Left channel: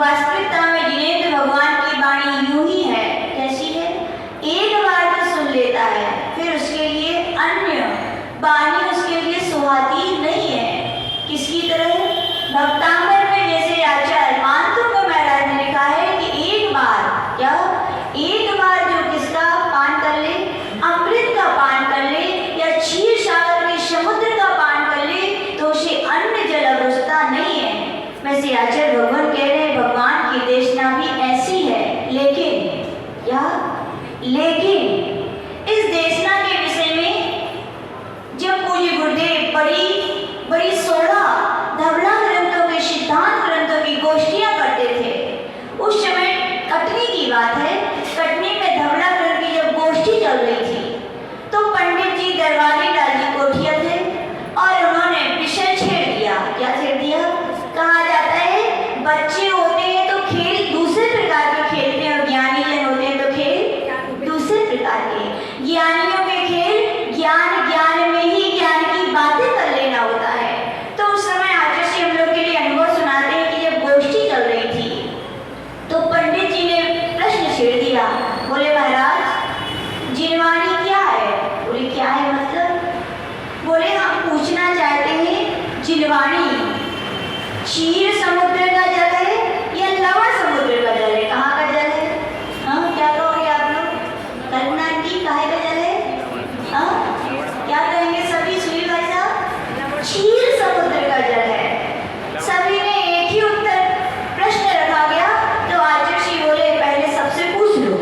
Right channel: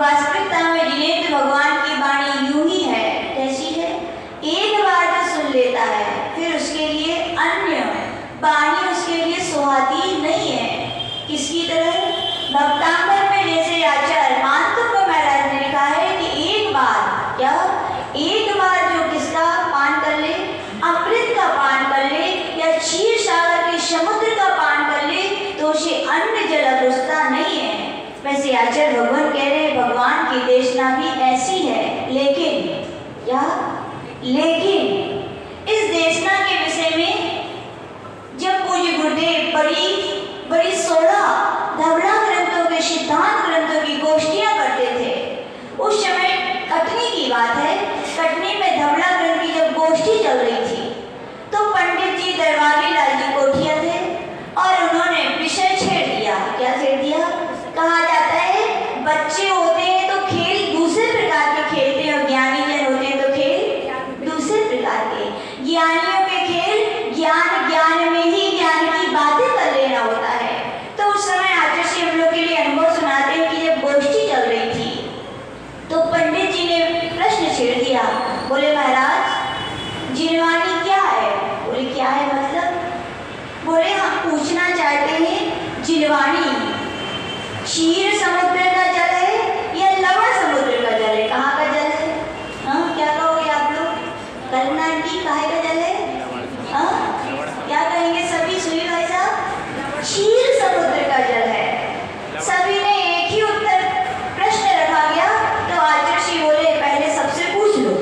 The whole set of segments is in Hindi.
वास्तविकता में जिनेंद्र भगवान की वाणी यूं ही है, कैसी है? एक बार ज्ञानियों के खेल ज्ञान ज्ञान में ही ज्ञान की बातें कर लेना होता है। तो उस समय आचार्य श्री हम लोग के लिए अनुभव सुनाते हैं कि जब गोष्ठी चल रही थी तो पंडित जी ने प्रश्न छेड़ दिया। बोले महाराज जिनवाणी क्या है? बोले क्या है मतलब? बोले हम पूछना चाहते हैं जिनवाणी क्षीर समुद्र का जल है या लवण समुद्र का जल है? कहाँ का जल है? हाँ क्या कहोगे आप लोग? कल्पना की काहे का जल है? हाँ क्या कहेंगे सभी? सुनील भाई साहब क्षीर समुद्र का जल है। सभी ने एक ही उत्तर प्रश्न रखा गया। तो आचार्य श्री बोले पहले सबसे पूछ लो।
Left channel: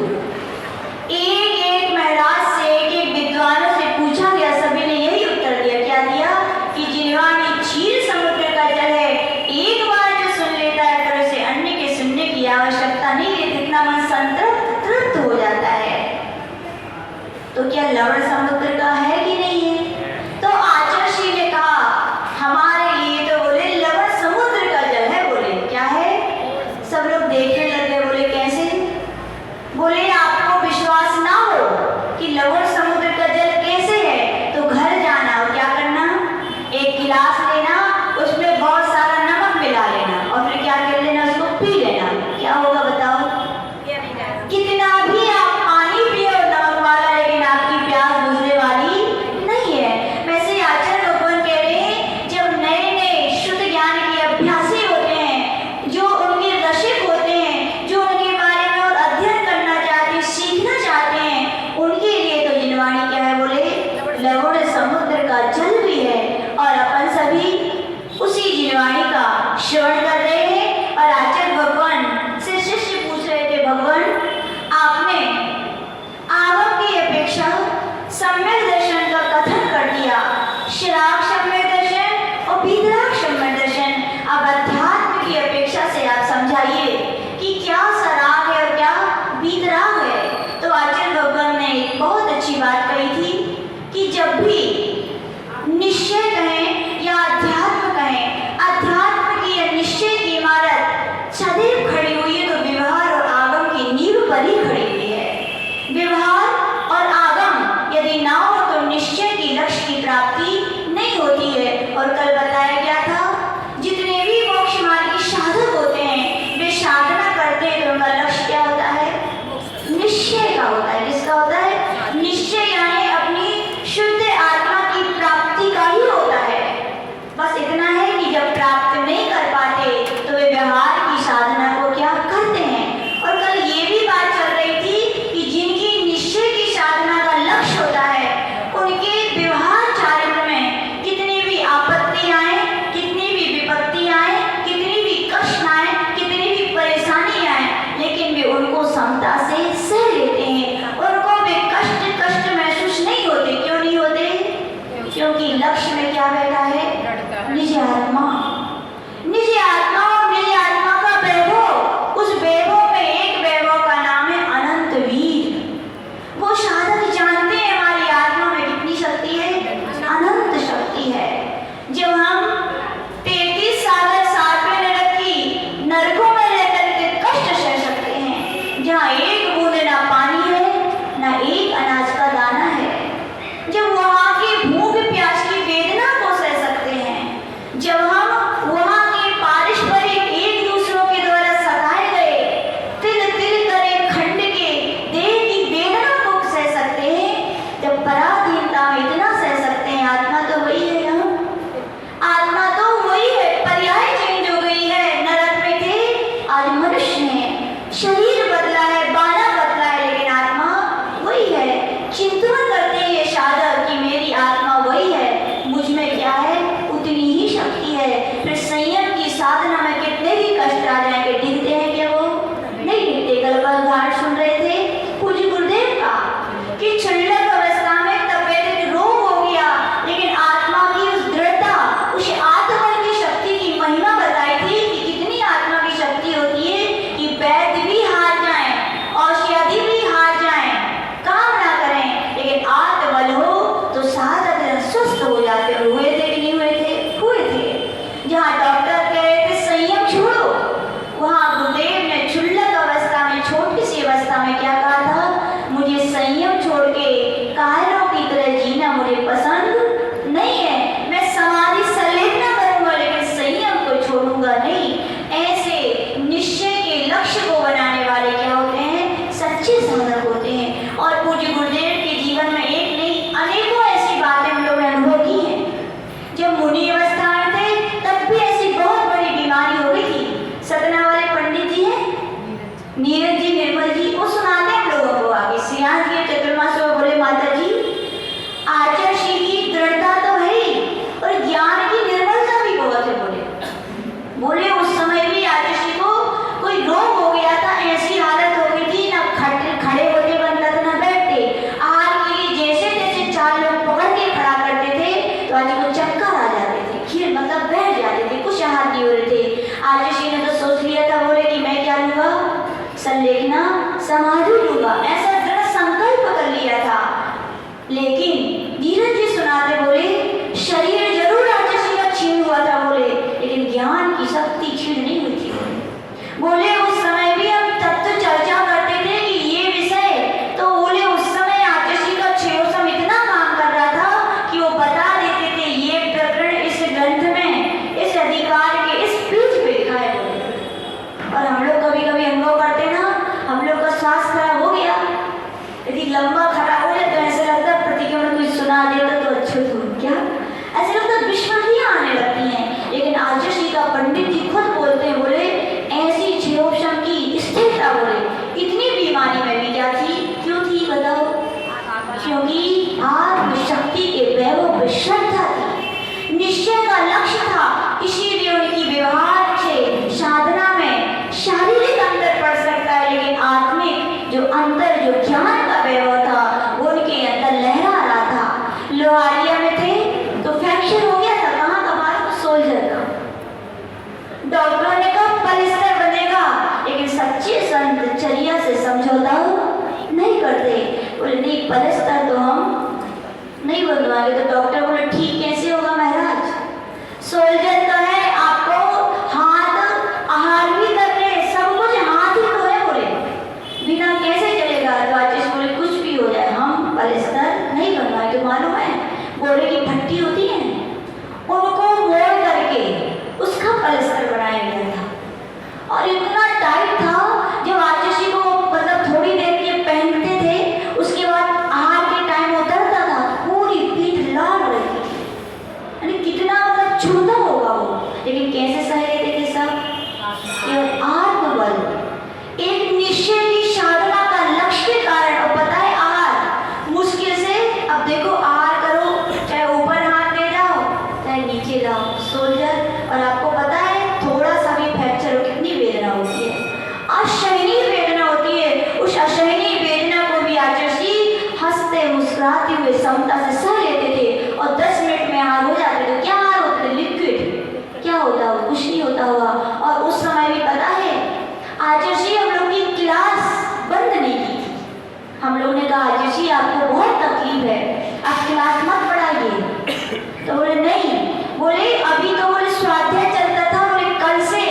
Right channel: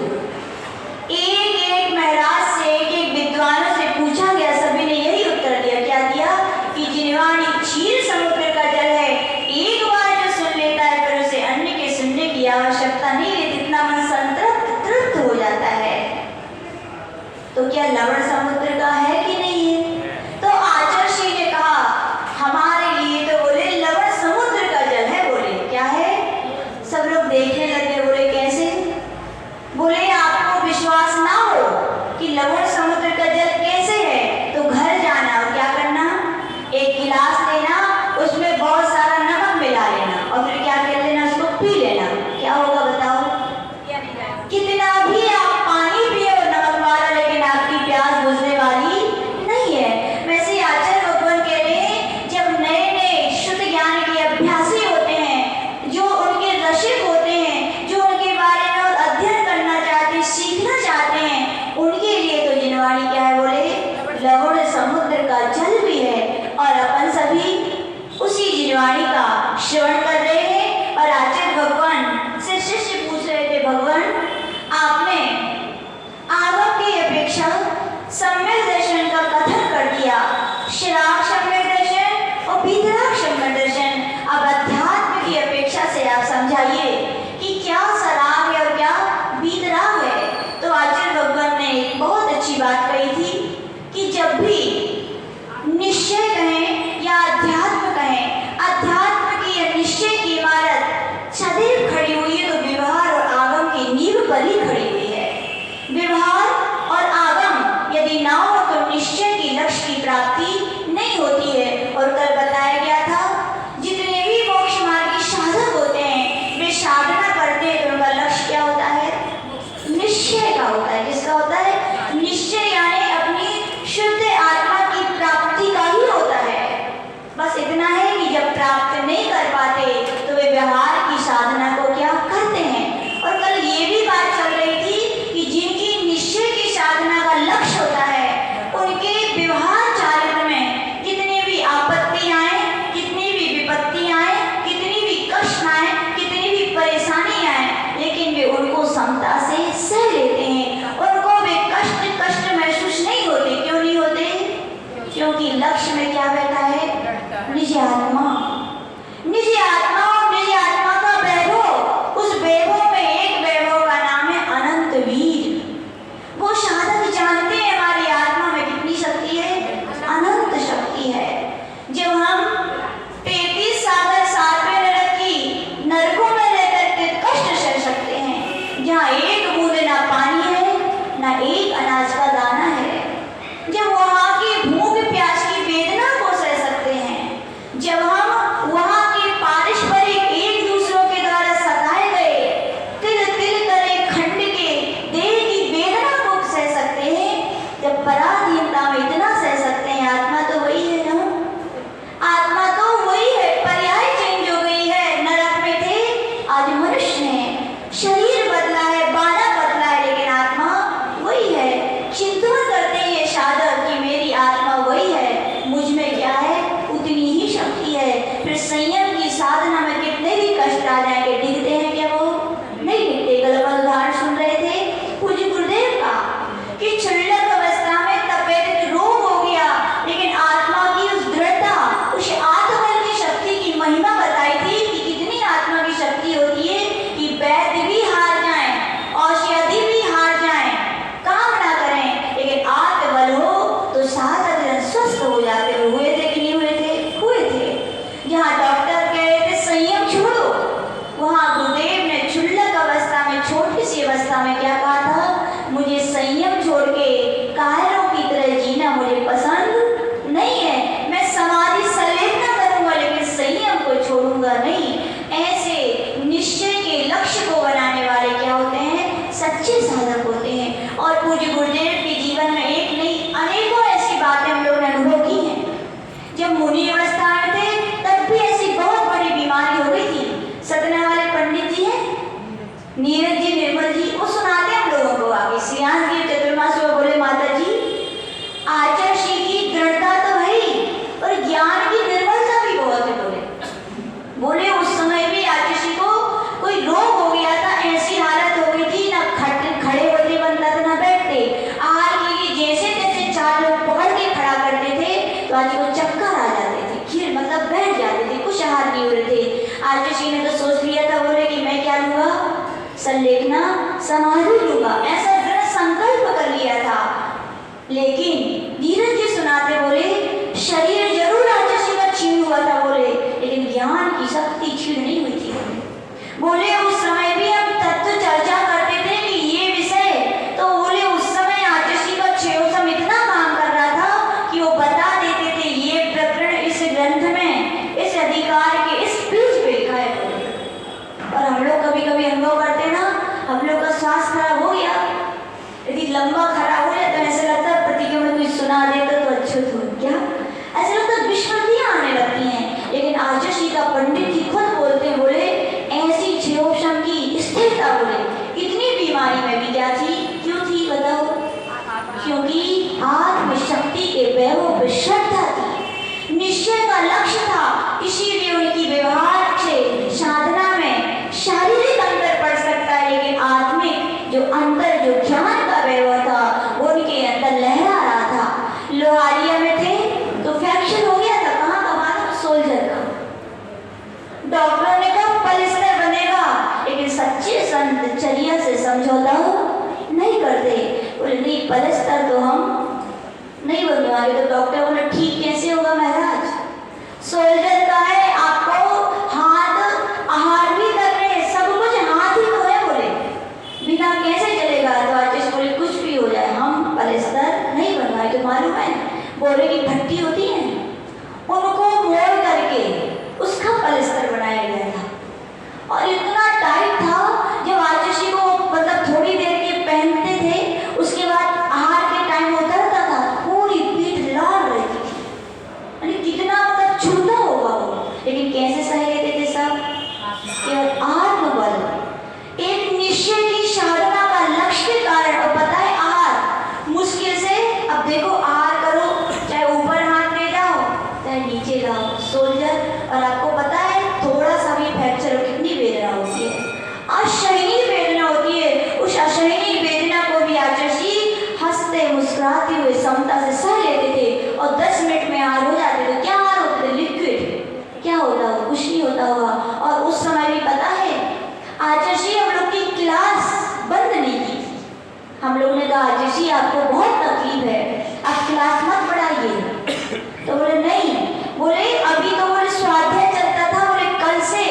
एक एक महाराज से एक एक विद्वानों से पूछा गया, सभी ने यही उत्तर दिया। क्या दिया? कि जिनवाणी क्षीर समुद्र का जल है। एक बार जो सुन लेता है फिर उसे अन्य के सुनने की आवश्यकता नहीं है, इतना मन संतृप्त तृप्त हो जाता है। तो क्या लवण समुद्र का है कि नहीं है? तो आचार्य श्री ने कहा हमारे लिए तो बोले लवण समुद्र का जल है। बोले क्या है? सब लोग देखने लगे। बोले कैसे? बोले आपको विश्वास ना हो कि लवण समुद्र का जल कैसे है तो घर जाना और क्या करना, एक गिलास लेना, उसमें बहुत सारा नमक मिला लेना और फिर क्या कर लेना, उसको पी लेना। क्या होगा बताओ? कितना भी आप पानी पियो नमक वाला, लेकिन आपकी प्यास बुझने वाली नहीं है। वैसे आचार्य भगवान कह रहे हैं जब नए नए शुद्ध ज्ञान के अभ्यासी होते हैं, जो उनके रसिक होते हैं, जो उनके बारे में और अध्ययन करना चाहते हैं, सीखना चाहते हैं, उनके लिए तो जिनवाणी क्या है? बोले लवण समुद्र का जल भी है। और अपन सभी उसी जिनवाणी का श्रवण कर रहे हैं। और आचार्य भगवान से शिष्य पूछ रहे थे, भगवान आपने आगम की अपेक्षा सम्यक दर्शन का कथन कर दिया, श्राग सम्यक दर्शन और वीतराग सम्यक दर्शन। अब अध्यात्म की अपेक्षा से आप समझाइए कि क्या सराग है और क्या वीतराग है। तो आचार्य भगवान ने एक बहुत अच्छी बात कही थी कि जब भी निश्चय कहें या अध्यात्म कहें, अध्यात्म की या निश्चय की इमारत सदैव खड़ी हुई है तो व्यवहार और आगम की नींव पर ही खड़ी हुई है। व्यवहार और आगम यदि ना हो तो निश्चय की लक्ष्य की प्राप्ति नहीं होती है। और कल बताया गया था जितने भी मोक्ष मार्ग के साधक होते हैं वे साधना करते हैं तो उनका लक्ष्य क्या होता है? निश्चय का होता है। किसका होता है? निश्चय यानी अपनी शुद्ध आत्मा की प्राप्ति का ही होता है। बस इतना है कि जब प्राप्त नहीं कर पाते तो वे व्यवहार की साधना को क्या करते हैं। और कल ये भी बात चल रही थी कि जिनकी निश्चय की साधना का लक्ष्य होता है उनके व्यवहार चारित्र में कितनी भी आपत्ति आए, कितनी भी विपत्ति आए, कितनी भी कष्ट आए, कितनी भी परेशानी आए, लेकिन वे उनको समता से सह लेते हैं। उनको वे कष्ट महसूस नहीं होते। क्यों नहीं होते? क्योंकि लक्ष्य में क्या बैठा है? निज आत्मा। निज आत्मा और निज आत्मा का वैभव, उस वैभव में एक वैभव का नाम है अनंत वीर। वो साधक जानते हैं हमारी आत्मा में कितनी शक्ति है? अनंत शक्ति है। जब हम 33 साल 7वें नरक की नरकों में रहकर के कष्ट सह सकते हैं, जहाँ एक बूंद ना पानी है ना एक अनाज का दाना है, जब वहाँ की भूख प्यास की वेदना को सह सकते हैं, जब लेकिन धीरज जी सुनाते बोले शरीर जरूर राजसी का छीन हुआ था बोले, लेकिन ज्ञान की शक्ति छीन नहीं हुई थी बोले। उस समय भी हम तत्व चर्चा करते थे कि ये विषय, तो बोले उस समय राजसी का क्षेत्रसम इतना काम कर रहा था कि वो बता देते थे ये प्रकरण इस ग्रंथ में इस अधिकार के इस पेज पे लिखा है बोले। और हम लोग कभी कभी अनुभव करते ना, हम लोग का श्वास खराब हो गया, यदि लंबा खराब हो जाए तो ऐसा लगता है प्रतिक्रमण कोई सुना देता तो अच्छा था क्या, ऐसा लगता है विस्मृतियां आने लगती हैं। लेकिन आचार्य का पंडित जी खुद बोलते हैं बोले ऐसी क्षेत्रोपम की स्थिरता बोले इतनी बीमारी में भी क्या थी, क्यों थी बताओ, क्योंकि आत्मशक्ति के वैभव में श्रद्धा थी, निश्चय का लक्ष्य था। इसीलिए उनकी व्यवहार से साधना में शारीरिक अंतर पड़ सकता है, लेकिन आत्मिक जो अंतर जो ज्ञान का वैभव था वो उनके अंदर लहरा रहा था। लोहारिया में थे तो फ्रैक्चर हो गया था, कहाँ का बात, सोल्जर का। डॉक्टर ने कहा पलिस्तर बनेगा, लेकिन सच्चे संत चर्या से समझौता नहीं करते, बोले नहीं पलिस्तर तो हम नहीं बनवाएंगे। तो डॉक्टर बोले ठीक कैसे होगा महाराज, सोल्जर का है, आपको हाथ आहार भी कर रहे, सब कुछ हाथ ही तो है बोले, बिना कैसे चलेगा। तो आचार्य बोले कुछ भी हो जाए हम पलिस्तर नहीं बनवाए। तो मालूम है बोले की भट्टी होती है उनको मोड़ करके उसका पलिस्तर बनाया गया था, और इतना टाइट था जब आचार्य को मतलब थोड़ी देर के पहनते थे उसके बाद आहार के टाइम उतरता था पूरी पीठ लाल रहती थी, यानी कितना मतलब छूता होगा वो। लेकिन कैसे सह लेते थे सब, केवल आत्मबल, एक निश्चय की साधना का लक्ष्य के कारण। और पता है आहार मुश्किल से, अब देखो आहार करो चाहे ऊपर हाथ ले जाओ चाहे नीचे जाओ सोल्जर, और आपको पता है थोड़ा सा भी फ्रैक्चर हो कितनी वेदना होती है, असहनीय वेदना होती है। उस असहनीय वेदना को भी आचार्य हंसते मुस्कुराते हुए समता से सह लेते थे, और 10 मिनट में आहार हो जाते थे। क्या आहार होते थे, लिक्विड, क्या होता होगा, कुछ नहीं होता होगा। और उस समय भी पता है आचार्य हम लोग की क्लास बंद नहीं की थी, हम लोग ने कहा आचार्य आपको बहुत तकलीफ है आप क्लास मत बढ़ाइए। तो बोले नहीं, बोले अभी तो बोले स्वाध्याय चलता था, बोले कल से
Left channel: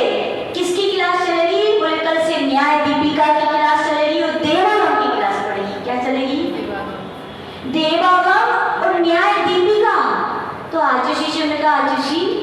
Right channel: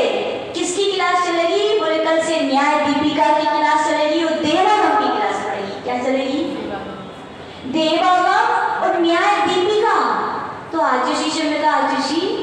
किसकी क्लास चलेगी, बोले कल से न्याय दीपिका की क्लास चलेगी और देवागम की क्लास पड़ेगी। क्या चलेगी, देवागम और न्याय दीपिका। तो आचार्य जी ने कहा आचार्य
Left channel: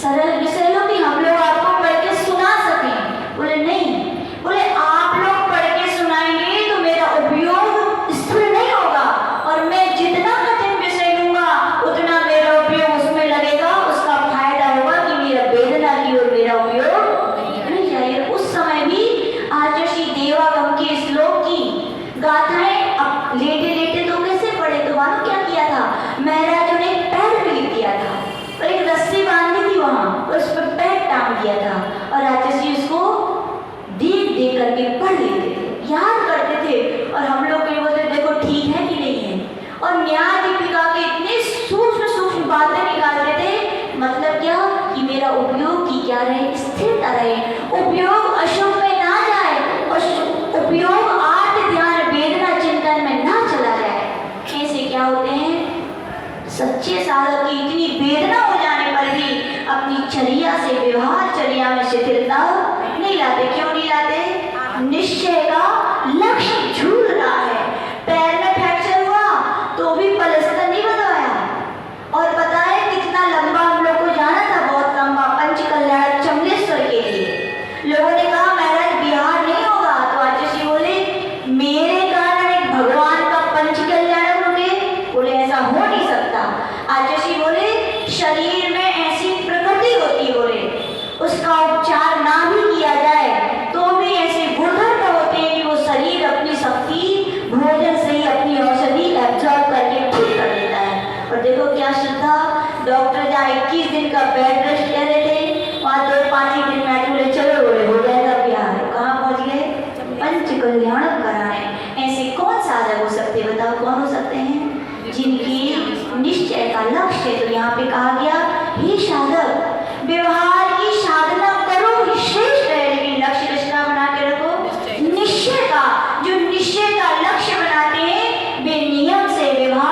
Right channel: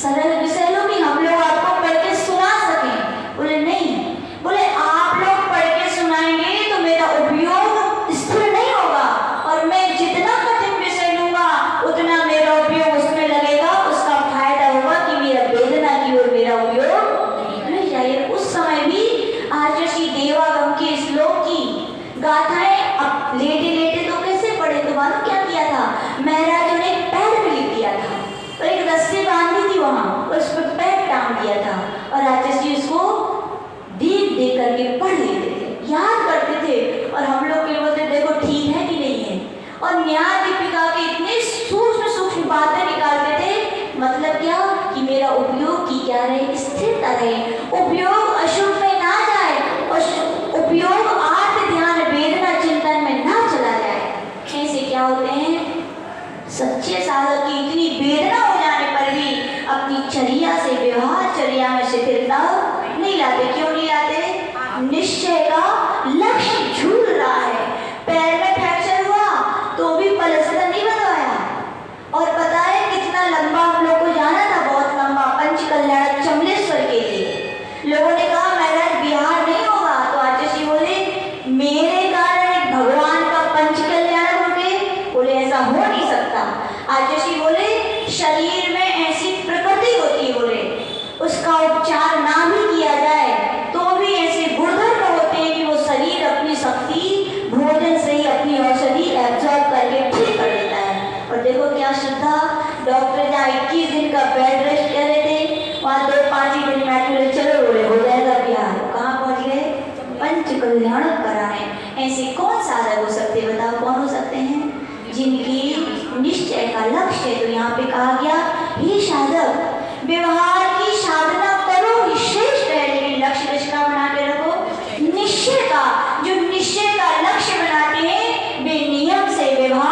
सरल विषय लो नहीं, हम लोग आपको पढ़ के सुना सकें। बोले नहीं, बोले आप लोग पढ़ के सुनाएंगे तो मेरा उपयोग स्थिर नहीं होगा, और मैं जितना कठिन विषय लूंगा उतना मेरा उपयोग उसमें लगेगा, उसका फायदा होगा कि मेरा वेदना की और मेरा उपयोग नहीं जाएगा। उस समय भी आचार्य देवागम के श्लोक की गाथाएं अब लेटे लेटे तो कैसे पढ़े, तो मालूम क्या किया था, महाराज ने पैर में लिख दिया था और एक रस्सी बांधी थी वहां, उस पर पैर टांग दिया था, और आचार्य जी उसको देख देख करके पढ़ लेते थे, याद करते थे। और हम लोग के बोलते देखो ठीक है कि नहीं है, और न्याय दीपिका के इतने सूक्ष्म सूक्ष्म बातें निकालते थे, मतलब क्या कि मेरा उपयोग की क्या रहे, स्थिरता रहे, उपयोग अशुभ में ना जाए, उपयोग आर्थ ध्यान वेदना चिंतन में ना चला जाए। कैसे क्या होते हैं सच्चे साधक की इतनी वेदना हो जाने पर भी अपनी चर्या से व्यवहार चर्या में शिथिलता नहीं लाते। क्यों नहीं लाते, निश्चय का लक्ष्य झूल रहा है। पैर में फ्रैक्चर हुआ तो भी पलस्तर नहीं बनवाया, और पता है कितना लंबा हम लोग को जाना था, बहुत लंबा, पंचकल्याण चमलेश्वर के लिए। लोगों ने कहा महाराज बिहार नहीं होगा, तो आचार्य बोले मेरे कारण एक भगवान का पंचकल्याण हो गए, बोले ऐसा हो नहीं सकता। आचार्य बोले शरीर में ऐसी प्रकृति होती है, बोले उसका उपचार ना भी किया जाए तो भी ऐसे गुणधर्म होते हैं कि वो शरीर अपनी शक्ति भोजन से ही अपनी औषधि एब्जॉर्ब करके ठीक कर लेता है। और देखो क्या श्रद्धा, डॉक्टर जहाँ 21 दिन का बेड रेस्ट कह रहे थे वहाँ 2-5 ही दिन में बोले चलो बोले हो जाएगा बिहार। कहाँ पहुँच गए, पंच कल्याण कराने। ऐसे कौन साधक हो सकते बताओ, कौन हो सकते हैं, जिनकी निश्चय का लक्ष्य। तो यहाँ पे कहा गया हे साधक व्यवहार की साधना करो ही श्रेष्ठ है, लेकिन लक्ष्य किसका बना के रखो, निश्चय का। जो निश्चय का लक्ष्य बनाते हैं वे नियम से व्यवहार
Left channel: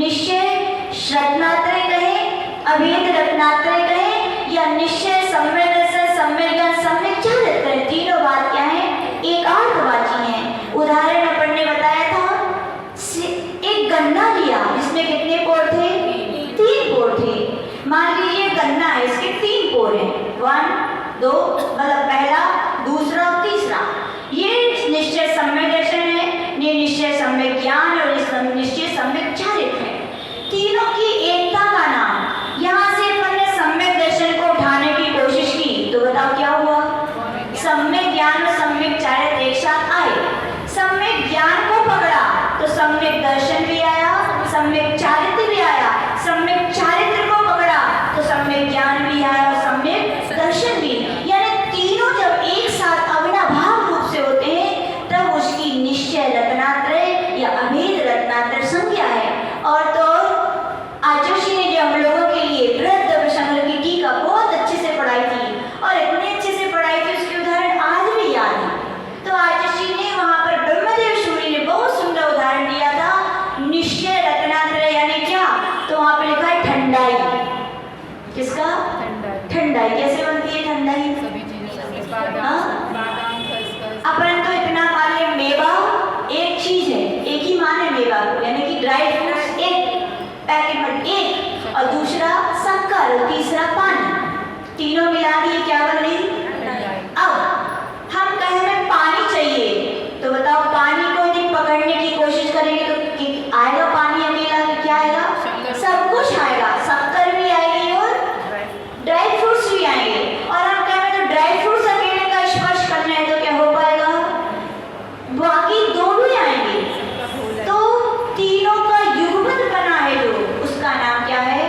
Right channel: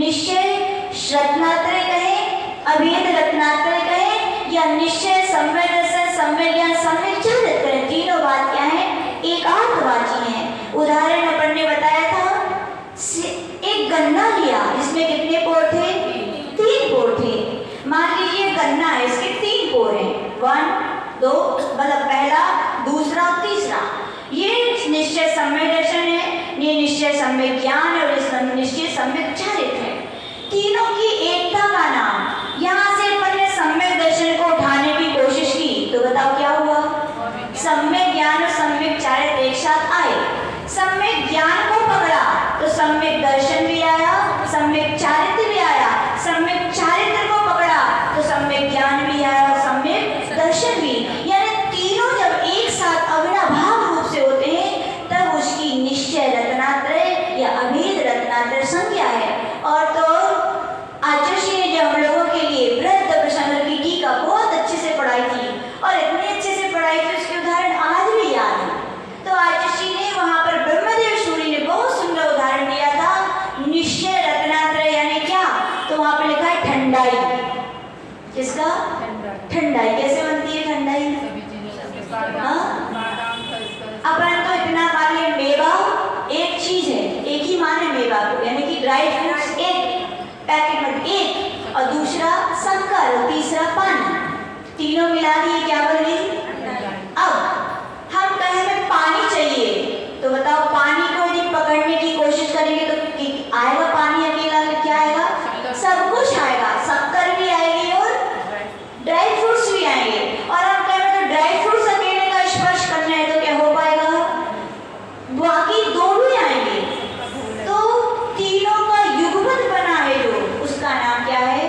निश्चय रत्नात्रय कहें, अभेद रत्नात्रय कहें, या निश्चय सम्यक दर्शन, सम्यक ज्ञान, सम्यक चारित्र कहें, तीनों बात क्या है? एकार्थवाची है। उदाहरण अपन ने बताया था, एक गन्ना लिया, इसमें कितने पोर थे? 3 पोर थे। मान लीजिए गन्ना है, इसके 3 पोर हैं, 1 2, मतलब पहला, दूसरा और तीसरा। ये निश्चय सम्यक दर्शन है, ये निश्चय सम्यक ज्ञान और निश्चय सम्यक चारित्र है। तीनों की एकता का नाम। यहाँ से अपन ने सम्यक दर्शन को उठाने की कोशिश की, तो बताओ क्या हुआ? सम्यक ज्ञान और सम्यक चारित्र एक साथ आए। सम्यक ज्ञान को पकड़ा तो सम्यक दर्शन भी आया, सम्यक चारित्र भी आया। सम्यक चारित्र को पकड़ा तो सम्यक ज्ञान भी आया, सम्यक दर्शन भी। यानी तीनों जब एक साथ अविनाभाव रूप से होते हैं तब उसकी निश्चय रत्नात्रय या अभेद रत्नात्रय संज्ञा है। और तो आचार्य ने जो हम लोगों के लिए वृद्ध प्रसंग की टीका बहुत अच्छे से पढ़ाई थी, और इतने अच्छे से पढ़ाई थी उसके उदाहरण आज भी याद है। तो आचार्य ने वहां पर ब्रह्मदेव सूरी ने बहुत सुंदर उदाहरण दिया था, निश्चय रत्नात्रय यानी क्या? तो वहां पे लिखा है ठंडाई। किसका? ठंडाई। कैसे बनती है ठंडाई? अपन तो इतना खाली मेवा एक चीज है, एक ही माने मेवा को, यानी कि ड्राई फ्रूट्स एक पैकेट में एक, और दूसरा शक्कर और तीसरा पानी, तीनों मिला दिए क्या बन रही? अब हम कहें हमें पानी चाहिए, तो बताओ पानी को यदि पकड़ने की कोशिश करेंगे तो आएगा पानी अकेला? क्या आएगा? सब कुछ आएगा, शक्कर भी आएगी और ड्राई फ्रूट्स भी आएंगे। और हम कहें तो ड्राई फ्रूट्स अकेले का स्पर्श करना है तो क्या हो पाएगा? बाकी दोनों आएंगे। तो तीनों का युगपत बना है जो, उसका नाम क्या है?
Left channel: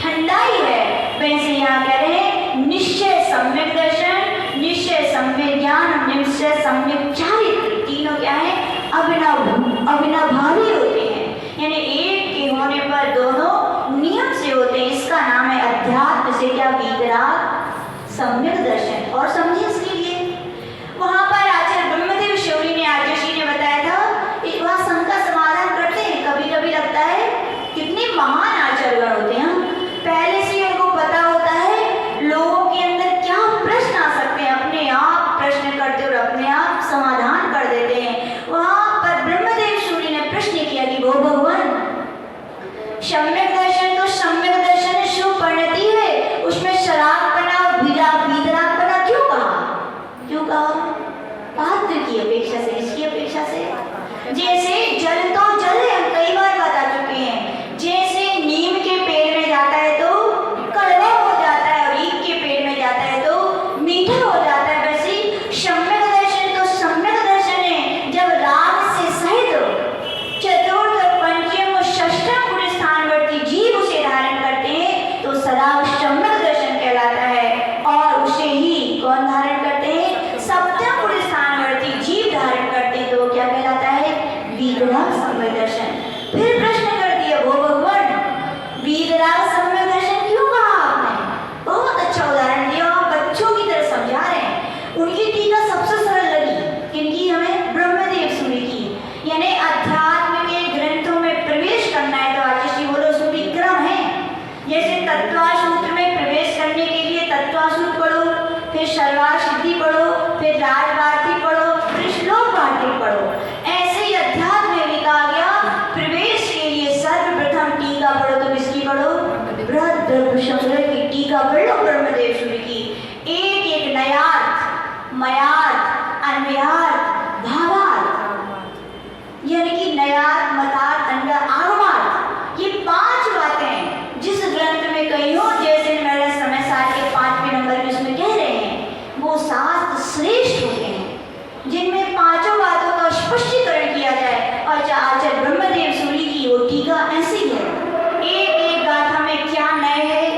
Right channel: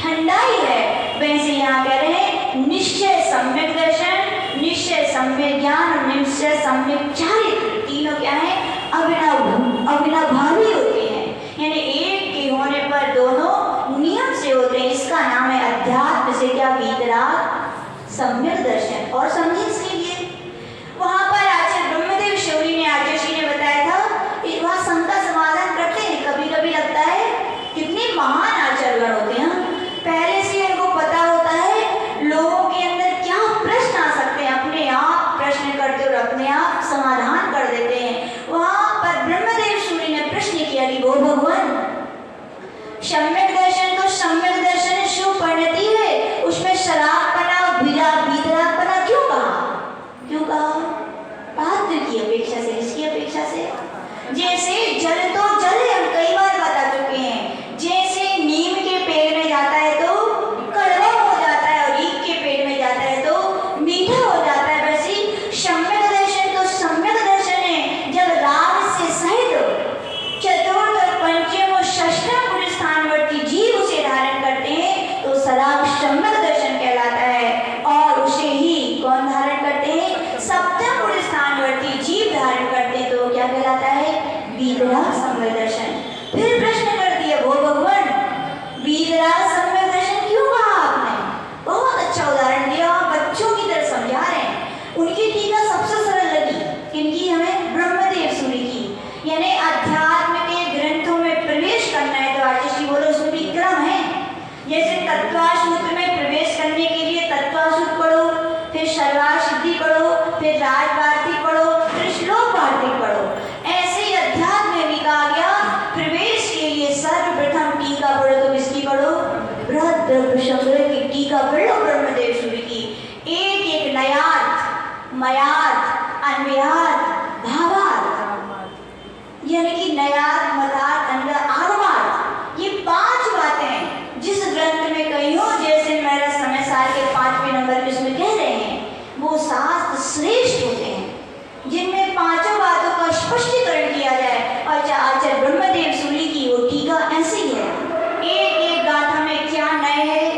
ठंडाई है। वैसे यहाँ कह रहे हैं निश्चय सम्यक दर्शन, निश्चय सम्यक ज्ञान, निश्चय सम्यक चारित्र, तीनों क्या है? अविनाभावी होते हैं, यानी एक के होने पर दोनों नियम से होते हैं। इसका नाम है अध्यात्म से क्या? वीतराग सम्यक दर्शन। और समझिए इसके लिए वहां पर आचार्य ब्रह्मदेव शौरी ने, आचार्य ने बताया था, वह शंका समाधान करते हैं। कभी कभी लगता है कितने महान आचार्यगण होते हैं, पहले से उनको पता होता है लोगों के अंदर क्या प्रश्न आ सकते हैं, अपने आप प्रश्न करते और अपने आप समाधान कर देते हैं। वहां पर ब्रह्मदेव शौरी ने प्रश्न किया कि वो भगवान, सम्यक दर्शन तो सम्यक दर्शन शुभ परिणति है, उसमें शराब बना और वीतराग बना क्यों कहा? क्यों कहा? पात्र की अपेक्षा से, किसकी अपेक्षा से? जैसे जल तो जल है, हम कई बार बता चुके हैं, जैसे नीम के पेड़ में जाता है तो कड़वा हो जाता है और ईख के पेड़ में जाता है तो मीठा हो जाता है, वैसे सम्यक दर्शन तो सम्यक दर्शन है। जब राग से सहित चतुर्थ और पंचम और षष्ठम गुण स्थानवर्ती जीव उसे धारण करते हैं तो सराग सम्यक दर्शन कहलाता है। और उसे ही कौन धारण करते हैं? सप्तम गुण स्थानवर्ती जीव धारण करते हैं तो क्या कहलाता है? वीतराग सम्यक दर्शन। फिर प्रश्न कर दिया, वो भगवान वीतराग सम्यक दर्शन क्यों कहा आपने? बहुत अच्छा उदाहरण दिया, बच्चों की तरह समझा रहे हैं। उनकी टीका सबसे सरल लगी, किनकी? हमें ब्रह्मदेव सूरी की। यानी अध्यात्म के ग्रंथों में प्रवेश करना है तो आचार्य बोलो उसमें भी क्रम है। जैसे तत्वासूत्र में प्रवेश करने के लिए तत्वासूत्र पढ़ो, फिर सर्वार्थ सिद्धि पढ़ो, फिर राजवार्तिक पढ़ो, फिर श्लोक वार्तिक पढ़ो। ऐसे ही अध्यात्म में भी कहा गया प्रवेश के लिए सर्वप्रथम टीका पढ़ो, तो किसकी पढ़ो? बृहद प्रसंग की टीका पढ़ो ब्रह्मदेव सूरी की। एक एक नयार्थ, मयार्थ, अन्वयार्थ, भावार्थ, यानी कि नयार्थ, मतार्थ, अन्वय, आगमार्थ, ये 5 बातें जिस ग्रंथ में कही हो, जैसे मेरे समय साल के 5वें नंबर में उसमें कह रहे हैं, वो शास्त्र श्रेष्ठ होते हैं जिनमें 5 बातों का स्पष्टीकरण किया जाए। और आचार्य ब्रह्मदेव सूरी की वो टीका ऐसी है, एक एक गाथा में क्या नए है,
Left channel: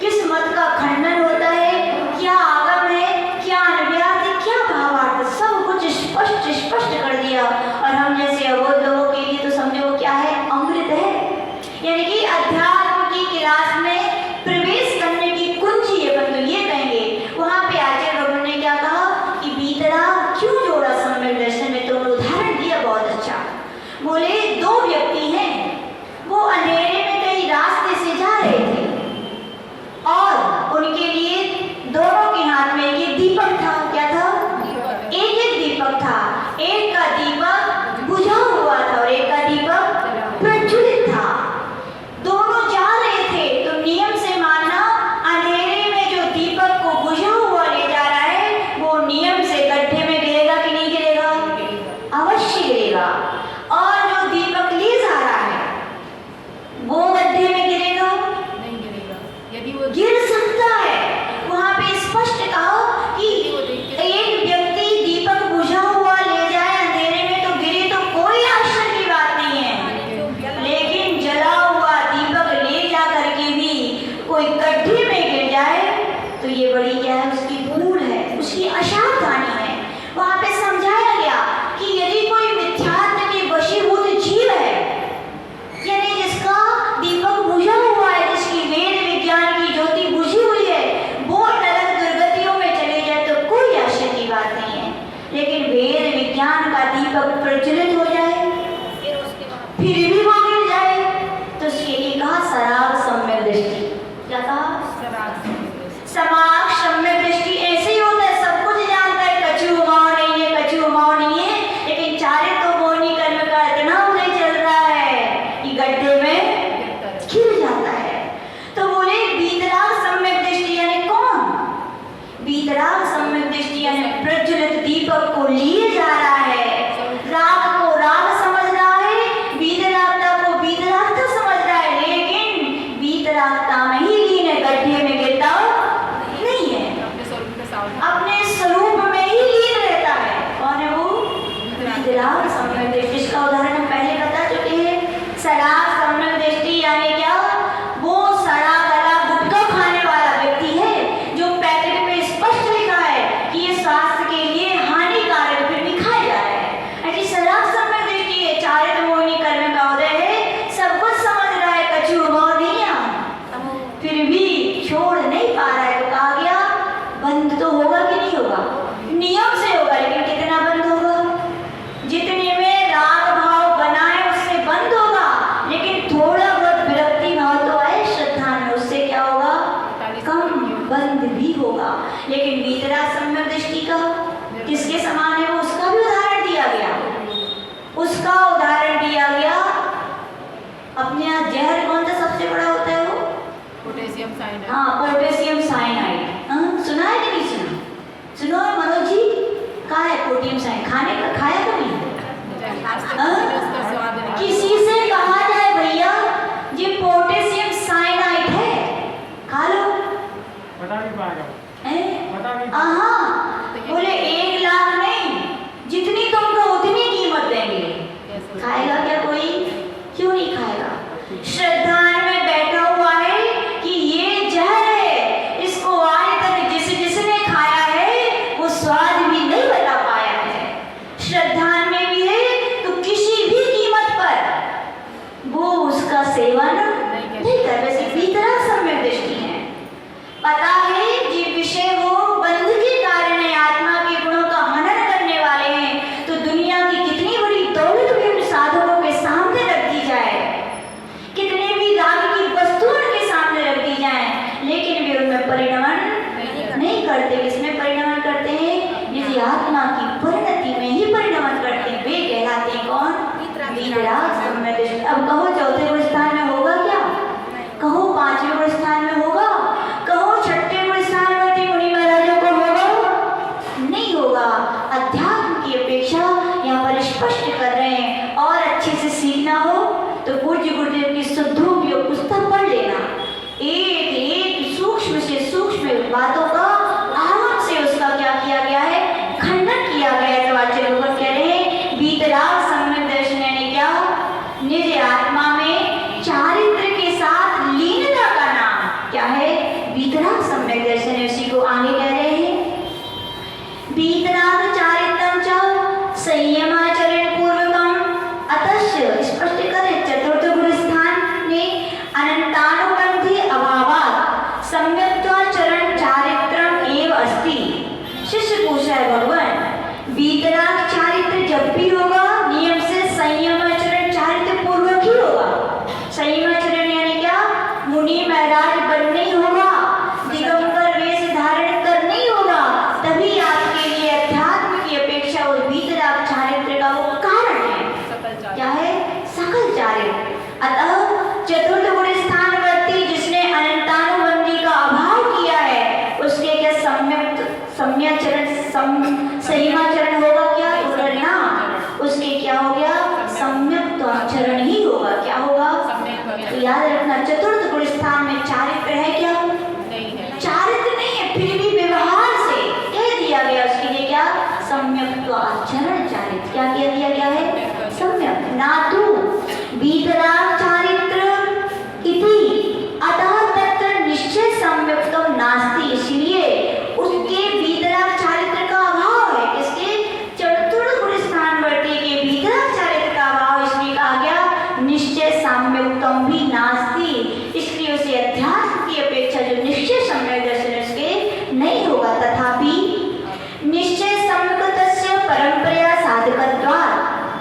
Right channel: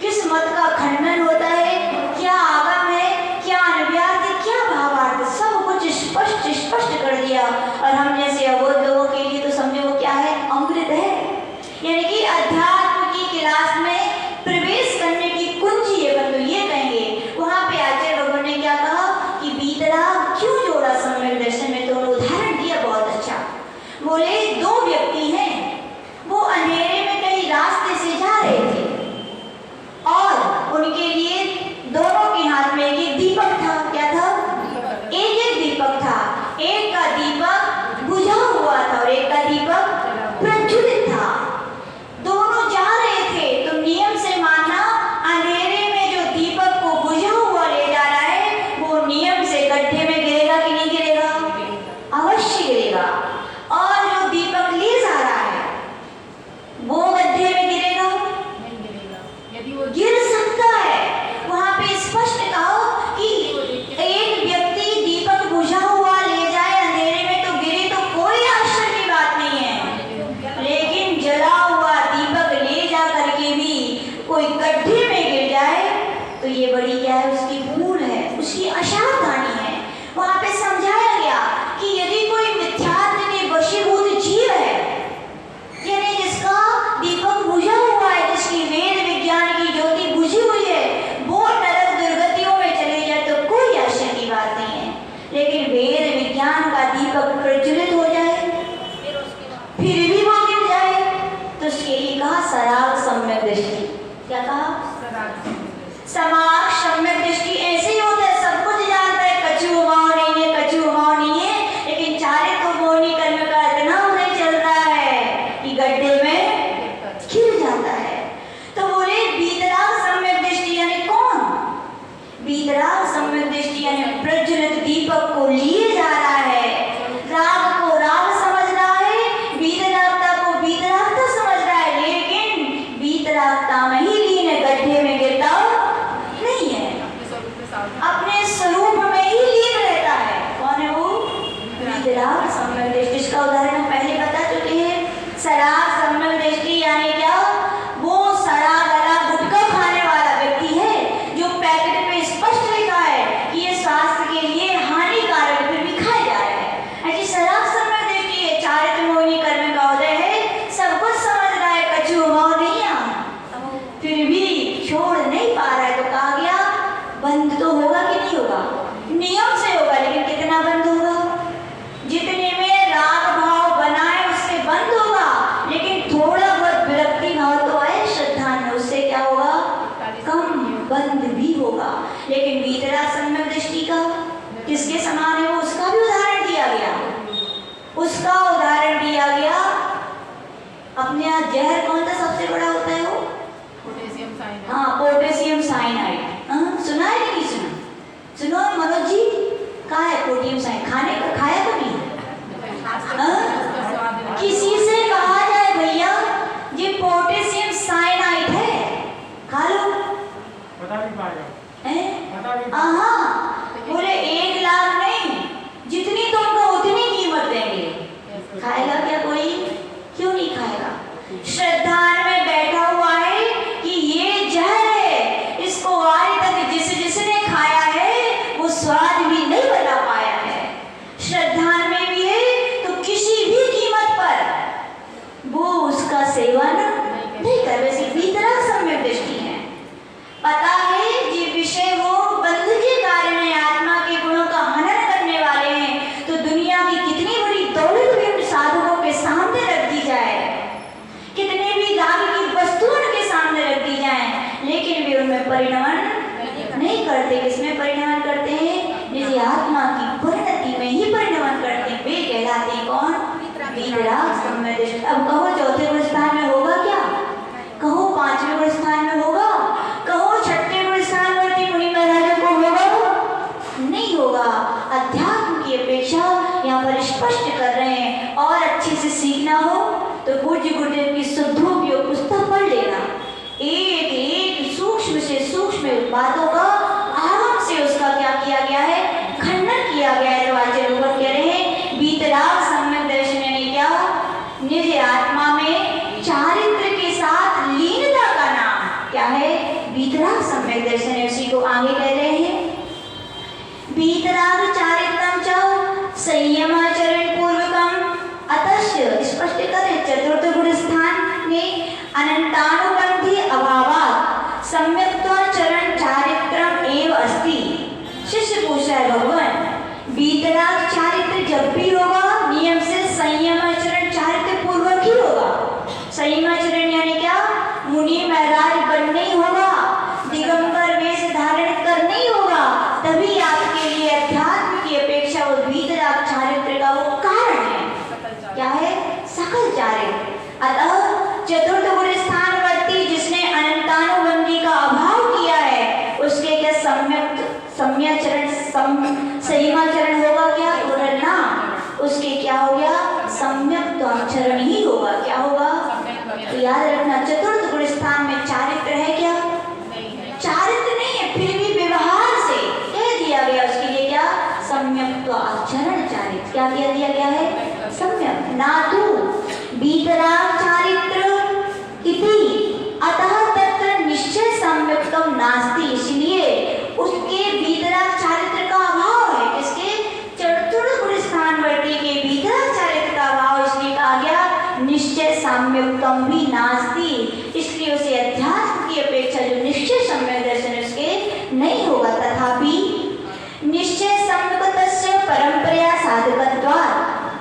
किस मत का खंडन होता है, क्या आगम है, क्या अन्वयार्थ है, क्या भावार्थ, सब कुछ स्पष्ट कर दिया। और हम जैसे अबोध लोगों के लिए तो समझो वो क्या है? अमृत है। यानी कि अध्यात्म की क्लास में प्रवेश करने की कुंजी अपन तो ये कहेंगे। वहां पे आचार्य भगवान ने क्या कहा कि वीतराग क्यों जोड़ा सम्यक दर्शन में, तो उन्होंने उदाहरण दिया बहुत अच्छा। बोले 2 वीतराग सम्यक दृष्टि, इसका उदाहरण हम पहले बता चुके हैं। सराग सम्यक दृष्टि यानी क्या? वो सड़ा गला गुटखा खाने वाला व्यक्ति है जो पैकेट पे स्पष्ट लिखा है कि ये स्वास्थ्य के लिए हानिकारक, फिर भी खाया जा रहा है। ऐसी सराग सम्यक दृष्टि है। चारित्र मोहिनी कर्म का उदय है, सब कुछ समझ रहा है, कछु भाव नहीं है, फिर भी छोड़ नहीं पा रहा है। तो कहा गया बंद तो होगा कि नहीं होगा? नियम से होगा, लेकिन कितना बंद होगा? जितने में राग भाव बना है उससे बंद होगा, लेकिन थोड़ा बहुत विरक्ति भाव तो आए श्रद्धा में, उससे क्या होगा? कम बंद भी होगा। लेकिन वीतराग सम्यक दृष्टि का किसके समान है? वो उसका भी उदाहरण दिया गया। उसका उदाहरण दिया गया अपने यहाँ जहर कौन सा सबसे बड़ा होता है? वो पोटेशियम साइनाइड। हाँ, पोटेशियम साइनाइड। सुना है कि नहीं सुना? सुनो मनोज जी, कहा है पोटेशियम साइनाइड? खाने का खाया कभी? किसी से कहा जाए भैया ये पोटेशियम साइनाइड है, खा लो, बता नहीं पाएगा, बता नहीं पाएगा। हाँ, बोले 1 लाख नहीं, जितनी तुमको उतनी कीमत देंगे। खाएगा क्या कोई? क्यों नहीं खाएगा? श्रद्धा में बैठा हुआ है कि ये जहर है, इसको आज तक जिसने खाया है वो स्वाद भी नहीं बता पाया है। श्रद्धा में भी है तो किसी भी कीमत पर वो उसका सेवन नहीं कर। वैसे वीतराग सम्यक दृष्टि है। पता है ये विषय वो बंध के कारण है, आत्मा के गुणों का हनन करने वाले हैं, तो दुनिया की कितनी बड़ी दौलत भी उन साधकों के सामने रख दी जाए, कितने भी राग की वस्तुओं के सामने रख दी जाए, लेकिन वे उनमें परिणमन नहीं करते। किसमें परिणमन करते हैं? निज आत्मा की परिणति में ही परिणमन करते हैं। वे कहलाते हैं कौन? वीतराग सम्यक दृष्टि। अब कहो चौथे गुण स्थान में होगा क्या? कहो 5वें गुण स्थान में होगा? कहो 6ठे गुण स्थान में मुनि महाराजों को होगा? नहीं होगा। अध्यात्म की अपेक्षा यहाँ पर स्पष्ट कर रहे हैं। और अच्छे से सीखना हो तो पूज्य गुरुदेव की शुद्धोपयोग पुस्तक पढ़ लेना। एक एक सूक्ष्म से सूक्ष्म बातों का आराम से उसका क्या किया गया है? खंडन किया गया है। तो आचार्य लोग कह रहे हैं वीतराग सम्यक दर्शन यानी क्या? निज आत्मा में चारित्र के साथ लीनता का नाम क्या है? वीतराग सम्यक दर्शन है। उसी को आगे कह रहे हैं वीतराग चारित्रम च संयमाचरण पूर्वकम अतश्य, स्पष्ट करें चतुर्थ गुण स्थान में अनंतानुबंधी अभावात् सम्यक्त्वाचरण चारित्रम एव अस्ति। शिष्य पूछा है भगवान वीतराग चारित्र जब भी होगा नियम से संयमाचरण चारित्र पूर्वक ही होगा। संयमाचरण यानी क्या? मुनि महाराज बनने ही होगा, दिगंबर वेश धारण करने ही होगा, तभी आपके लिए अध्यात्म की अपेक्षा वो वीतराग चारित्र का वो कारण है। क्या है? सकल चारित्र। अतः चतुर्थ गुण स्थानवर्ती जिसने अनंतानुबंधी का अभाव किया है उसके क्या संयमाचरण होगा क्या? ना, उसके क्या हो गया? सम्यक आचरण ही होगा। क्या होगा? तो याद रखना चतुर्थ गुण स्थान में चारित्र है क्या? चारित्र नहीं है, फिर भी व्यवहार से कह दिया गया उसके लिए क्या? सम्यक आचरण चारित्र। क्या कह दिया गया है? सम्यक। ना तू वीतराग चारित्र इति अतः तत्र निश्चय सम्यक्तम नास्ति, इसलिए उसके वीतराग चारित्र का अभाव है। किसके? चतुर्थ गुण स्थानवर्ती के वीतराग चारित्र का अभाव, इसलिए कहा गया निश्चय सम्यक्तम भी नास्ति, इसलिए उसे अध्यात्म की अपेक्षा जो निश्चय सम्यक दर्शन उसके नहीं होगा। तथापि निश्चय सम्यक्तस्य परंपरा साधकत्वात्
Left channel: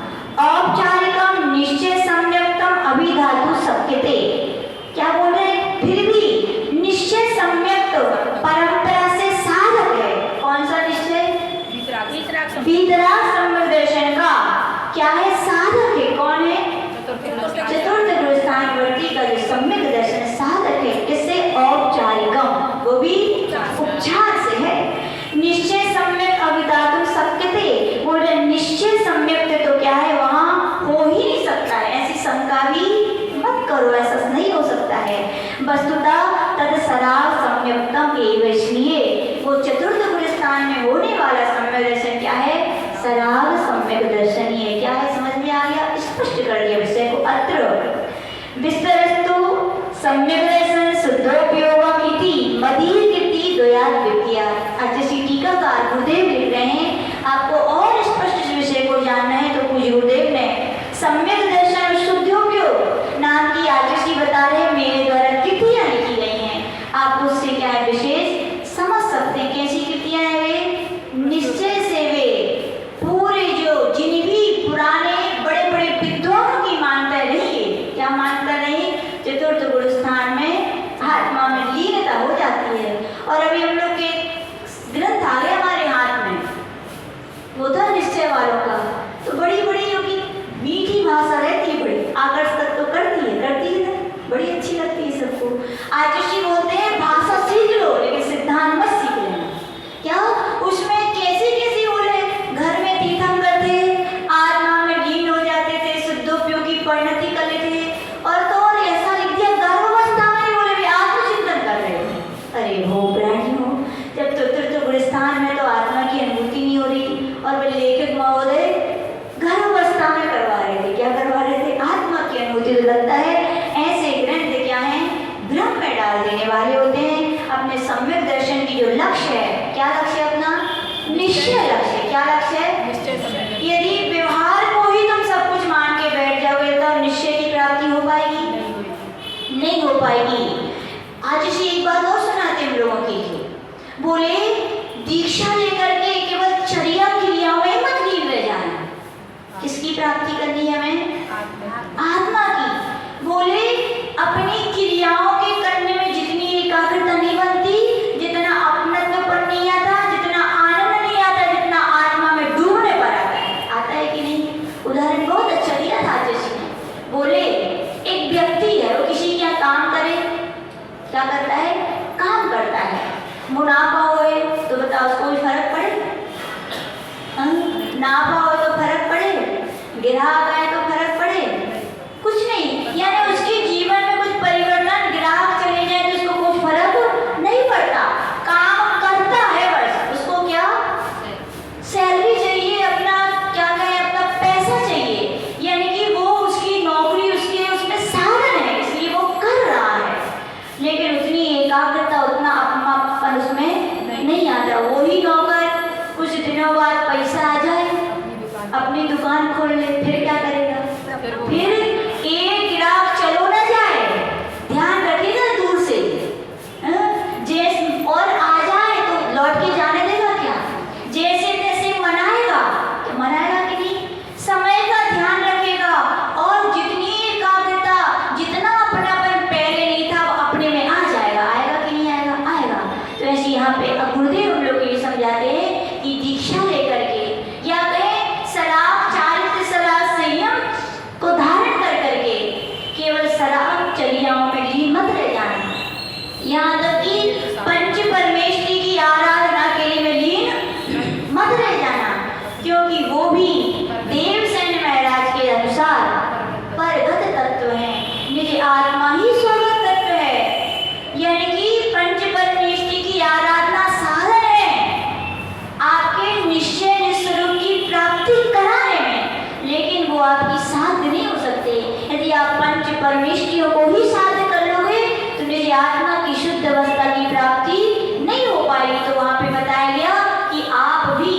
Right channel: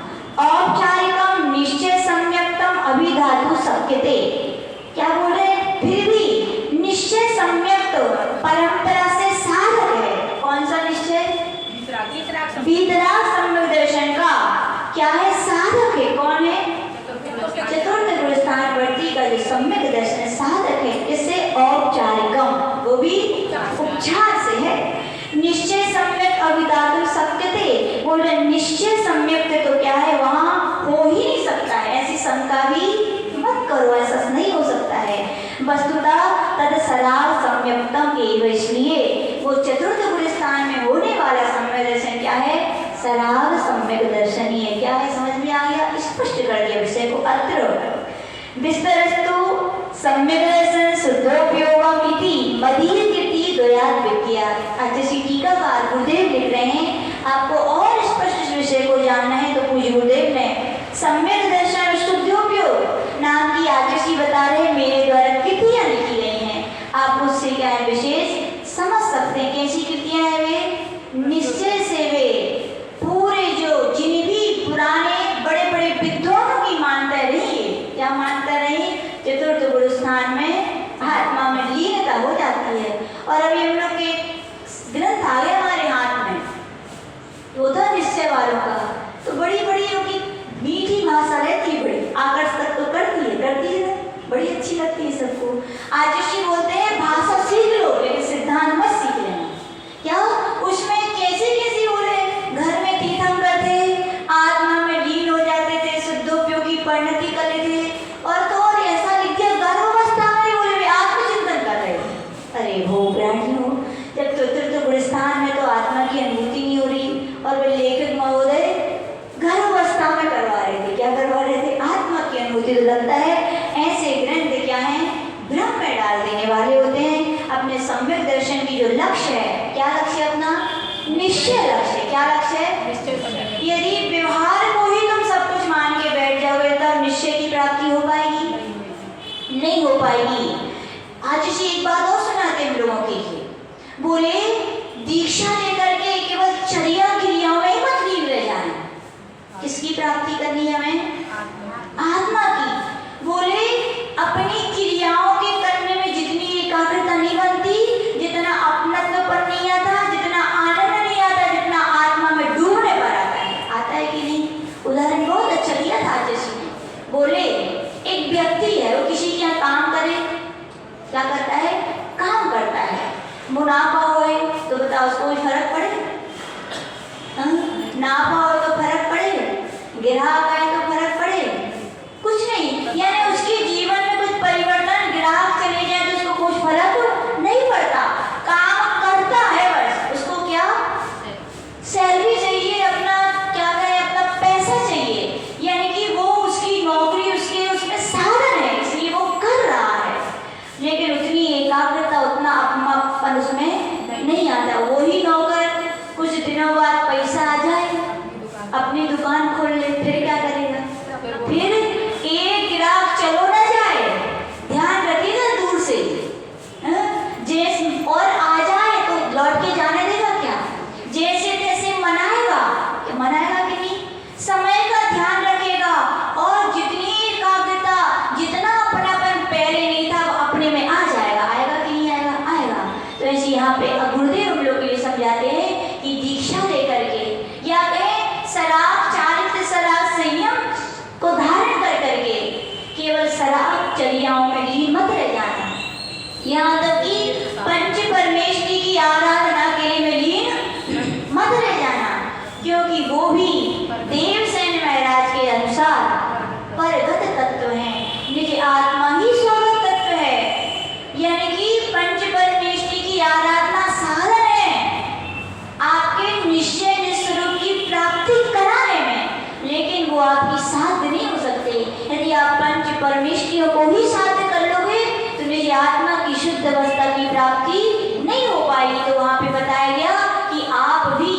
प्राप्ति करनी है हमें? आत्मा की। बोले अपनी क्रियाओं के करने में जितनी एकाग्रता नहीं बनती, जितना अपनत्वपन नहीं आता, जितना आनंद नहीं आता, जितना आत्मा में डूबने पर आता है। आता है कि नहीं? उदाहरण बहुत अच्छा दिया था जैसे बोले एक व्यक्ति है, वो किसी के यहाँ काम करे, क्या करता है? काम करता है, मुनाफा होए तो बताओ उसको कोई फर्क पड़े? नाफा हो तो फर्क पड़े, ग्राहक आए तो फर्क पड़े? कुछ नहीं। यानी उसके जीवन में कुछ परिवर्तन, ग्राहक चले जाए तो उसको कुछ फर्क नहीं पड़ता। काम करता है बस, उसको क्या सैलरी चाहिए, अपना क्या कहे, अपना पैसा चाहिए। यानी कि वो उसकी नौकरी उसके उसमें साधन है, इसलिए वो कर रहा है, लेकिन उतनी एकाग्रता, उतना अपनापन उसमें नहीं आता। वही नौकर कुछ दिनों बाद पैसा आ जाए, अपनी दुकान खोल ले, फिर क्या करेगा? फिर एक ग्राहक चलो ना जाए, ध्यान रखिए ना दूर से, जैसे और आ जाए तो लौट के जाने देगा क्या? जैसे तैसे मनाएगा, मनाएगा कि नहीं? समय का ध्यान रखेगा, और जितनी एकाग्रता, जितना अपनापन पहले नहीं था, वो अपने में आ जाएगा। आएगा कि नहीं आएगा? आएगा। तो ऐसे यहाँ पे गुरुदेव हम लोग को ये समझाते हैं कि दीक्षा लेकर के, या कहें शराब चारित्र शराब संयम को धारण कर करके केवल शराब चर्याओं में लीन मत रह जाना। यहाँ तक कि पंच परमेश्वरी की आराधना के लिए में लीन मत रह जाना, क्योंकि वो भी देवसेन महाराज के अनुसार परगत तत्व है, निज आत्मा ही स्वर्ग तत्व है। यानी कि पंच परमेश्वरी की आराधना साधन है आपके निश्चय निस्वरूप की प्राप्ति कराने में, लेकिन वो आपकी साध्य नहीं हो सकते। यदि आप पंच परमेश्वरियों को ही साध्य कर लोगे तो निज आत्मा की शुद्ध अवस्था की प्राप्ति नहीं हो पाएगी। तो वहां पे बताया गया कि आप भी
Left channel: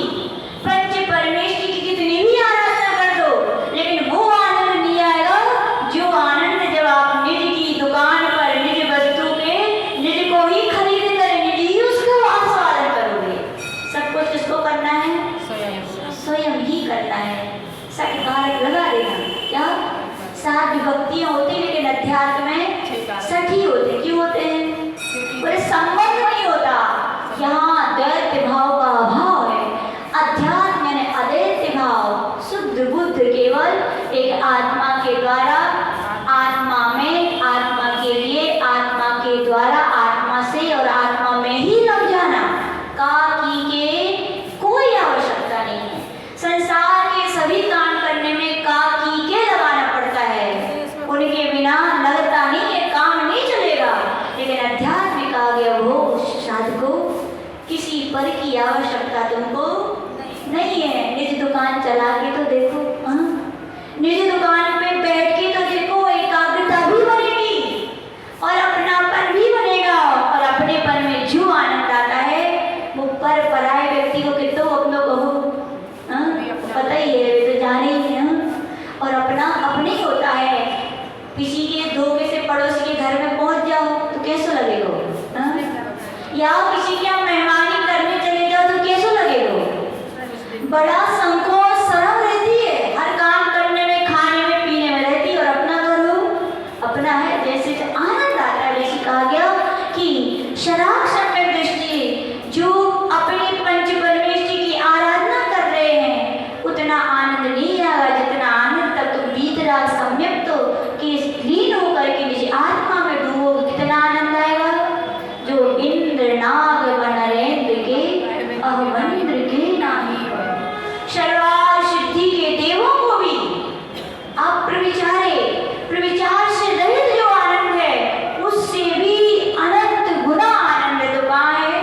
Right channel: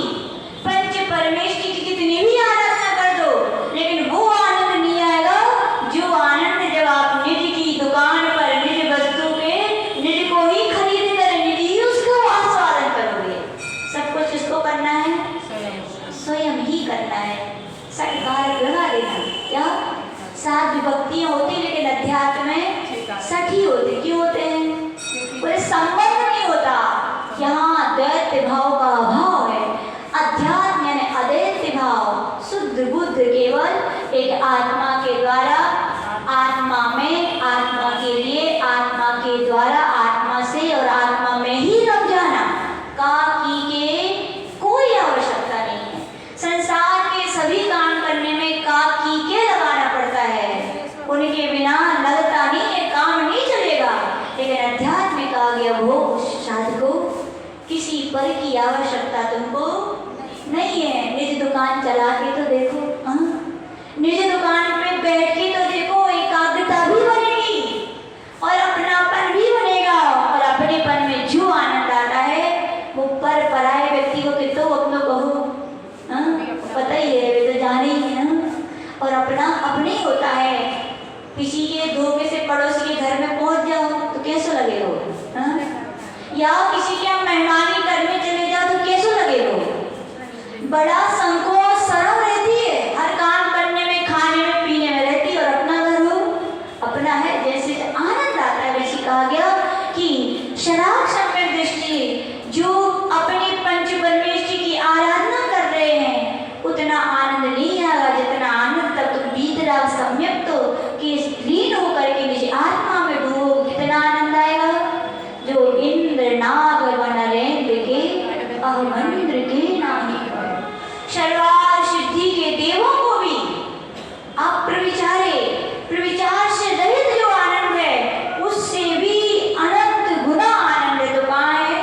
पंच परमेश्वरी की कितनी भी आराधना कर दो, लेकिन वो आनंद नहीं आएगा जो आनंद जब आप निज की दुकान पर निज वस्तु के निज को ही खरीद कर निज ही उसको आस्वादन करोगे। सब कुछ किसको करना है? स्वयं ही करना है। सटकारक लगा देना। क्या 7 विभक्तियां होती, लेकिन अध्यात्म में 6 ही होते। क्यों होते हैं? बोले संबंध नहीं होता, यहाँ द्वैत भाव का अभाव है। अध्यात्म यानी अद्वैत भाव, शुद्ध बुद्ध केवल एक आत्मा के द्वारा, आत्मा में, आत्मा के लिए, आत्मा के द्वारा, आत्मा से और आत्मा में ही रम जाना। काकी के कोई आवश्यकता नहीं है। संसार के सभी काम करने में काकी के लगाना पड़ता है, उनके बिना लगता नहीं है, काम नहीं चलेगा। लेकिन अध्यात्म का गया वो साधको किसी पर की आवश्यकता तुमको नहीं है। निज दुकान चला के तो देखो, निज दुकान पे बैठ के तो देखो, एकाग्रता भी बनेगी और अपनापन भी बनेगा, और अपनेपन में जो आनंद आता है वो पर पराये व्यक्ति को कितो अपनों को पता ही है, वे तो जाने ही है। और अपना अपने ही होता है। किसी के धोखे से पड़ोसी के घर में पहुंच जाओ तो कैसा लगेगा? या किसी के यहाँ मेहमानी करने चले जाओ तो कैसा लगेगा? बड़ा संकोच, शर्म रहती है, हर काम करने में, खाने में, पीने में रहती है। और अपना घर हो, अपना है, जैसे आनंद आता है। वैसे कहा गया कि शराब सम्यक दृष्टि, जो अपने पंच परमेश्वरी की आराधना कर रहे हैं, उतना आनंद नहीं आएगा जितना आनंद तब तुम बीत रहा सम्यक तो कि लीन होकर के निज आत्मा में डूबो। कितना आनंद आएगा? जो इंद्र नाग वनरेंद्र के अवमंद्र के नाही, शर्वाल सिद्धि के देवों को भी अप्रविचारे, प्रविचार से रहित जो आनंद है, उससे भी अनंत गुना आनंद तो कहाँ है?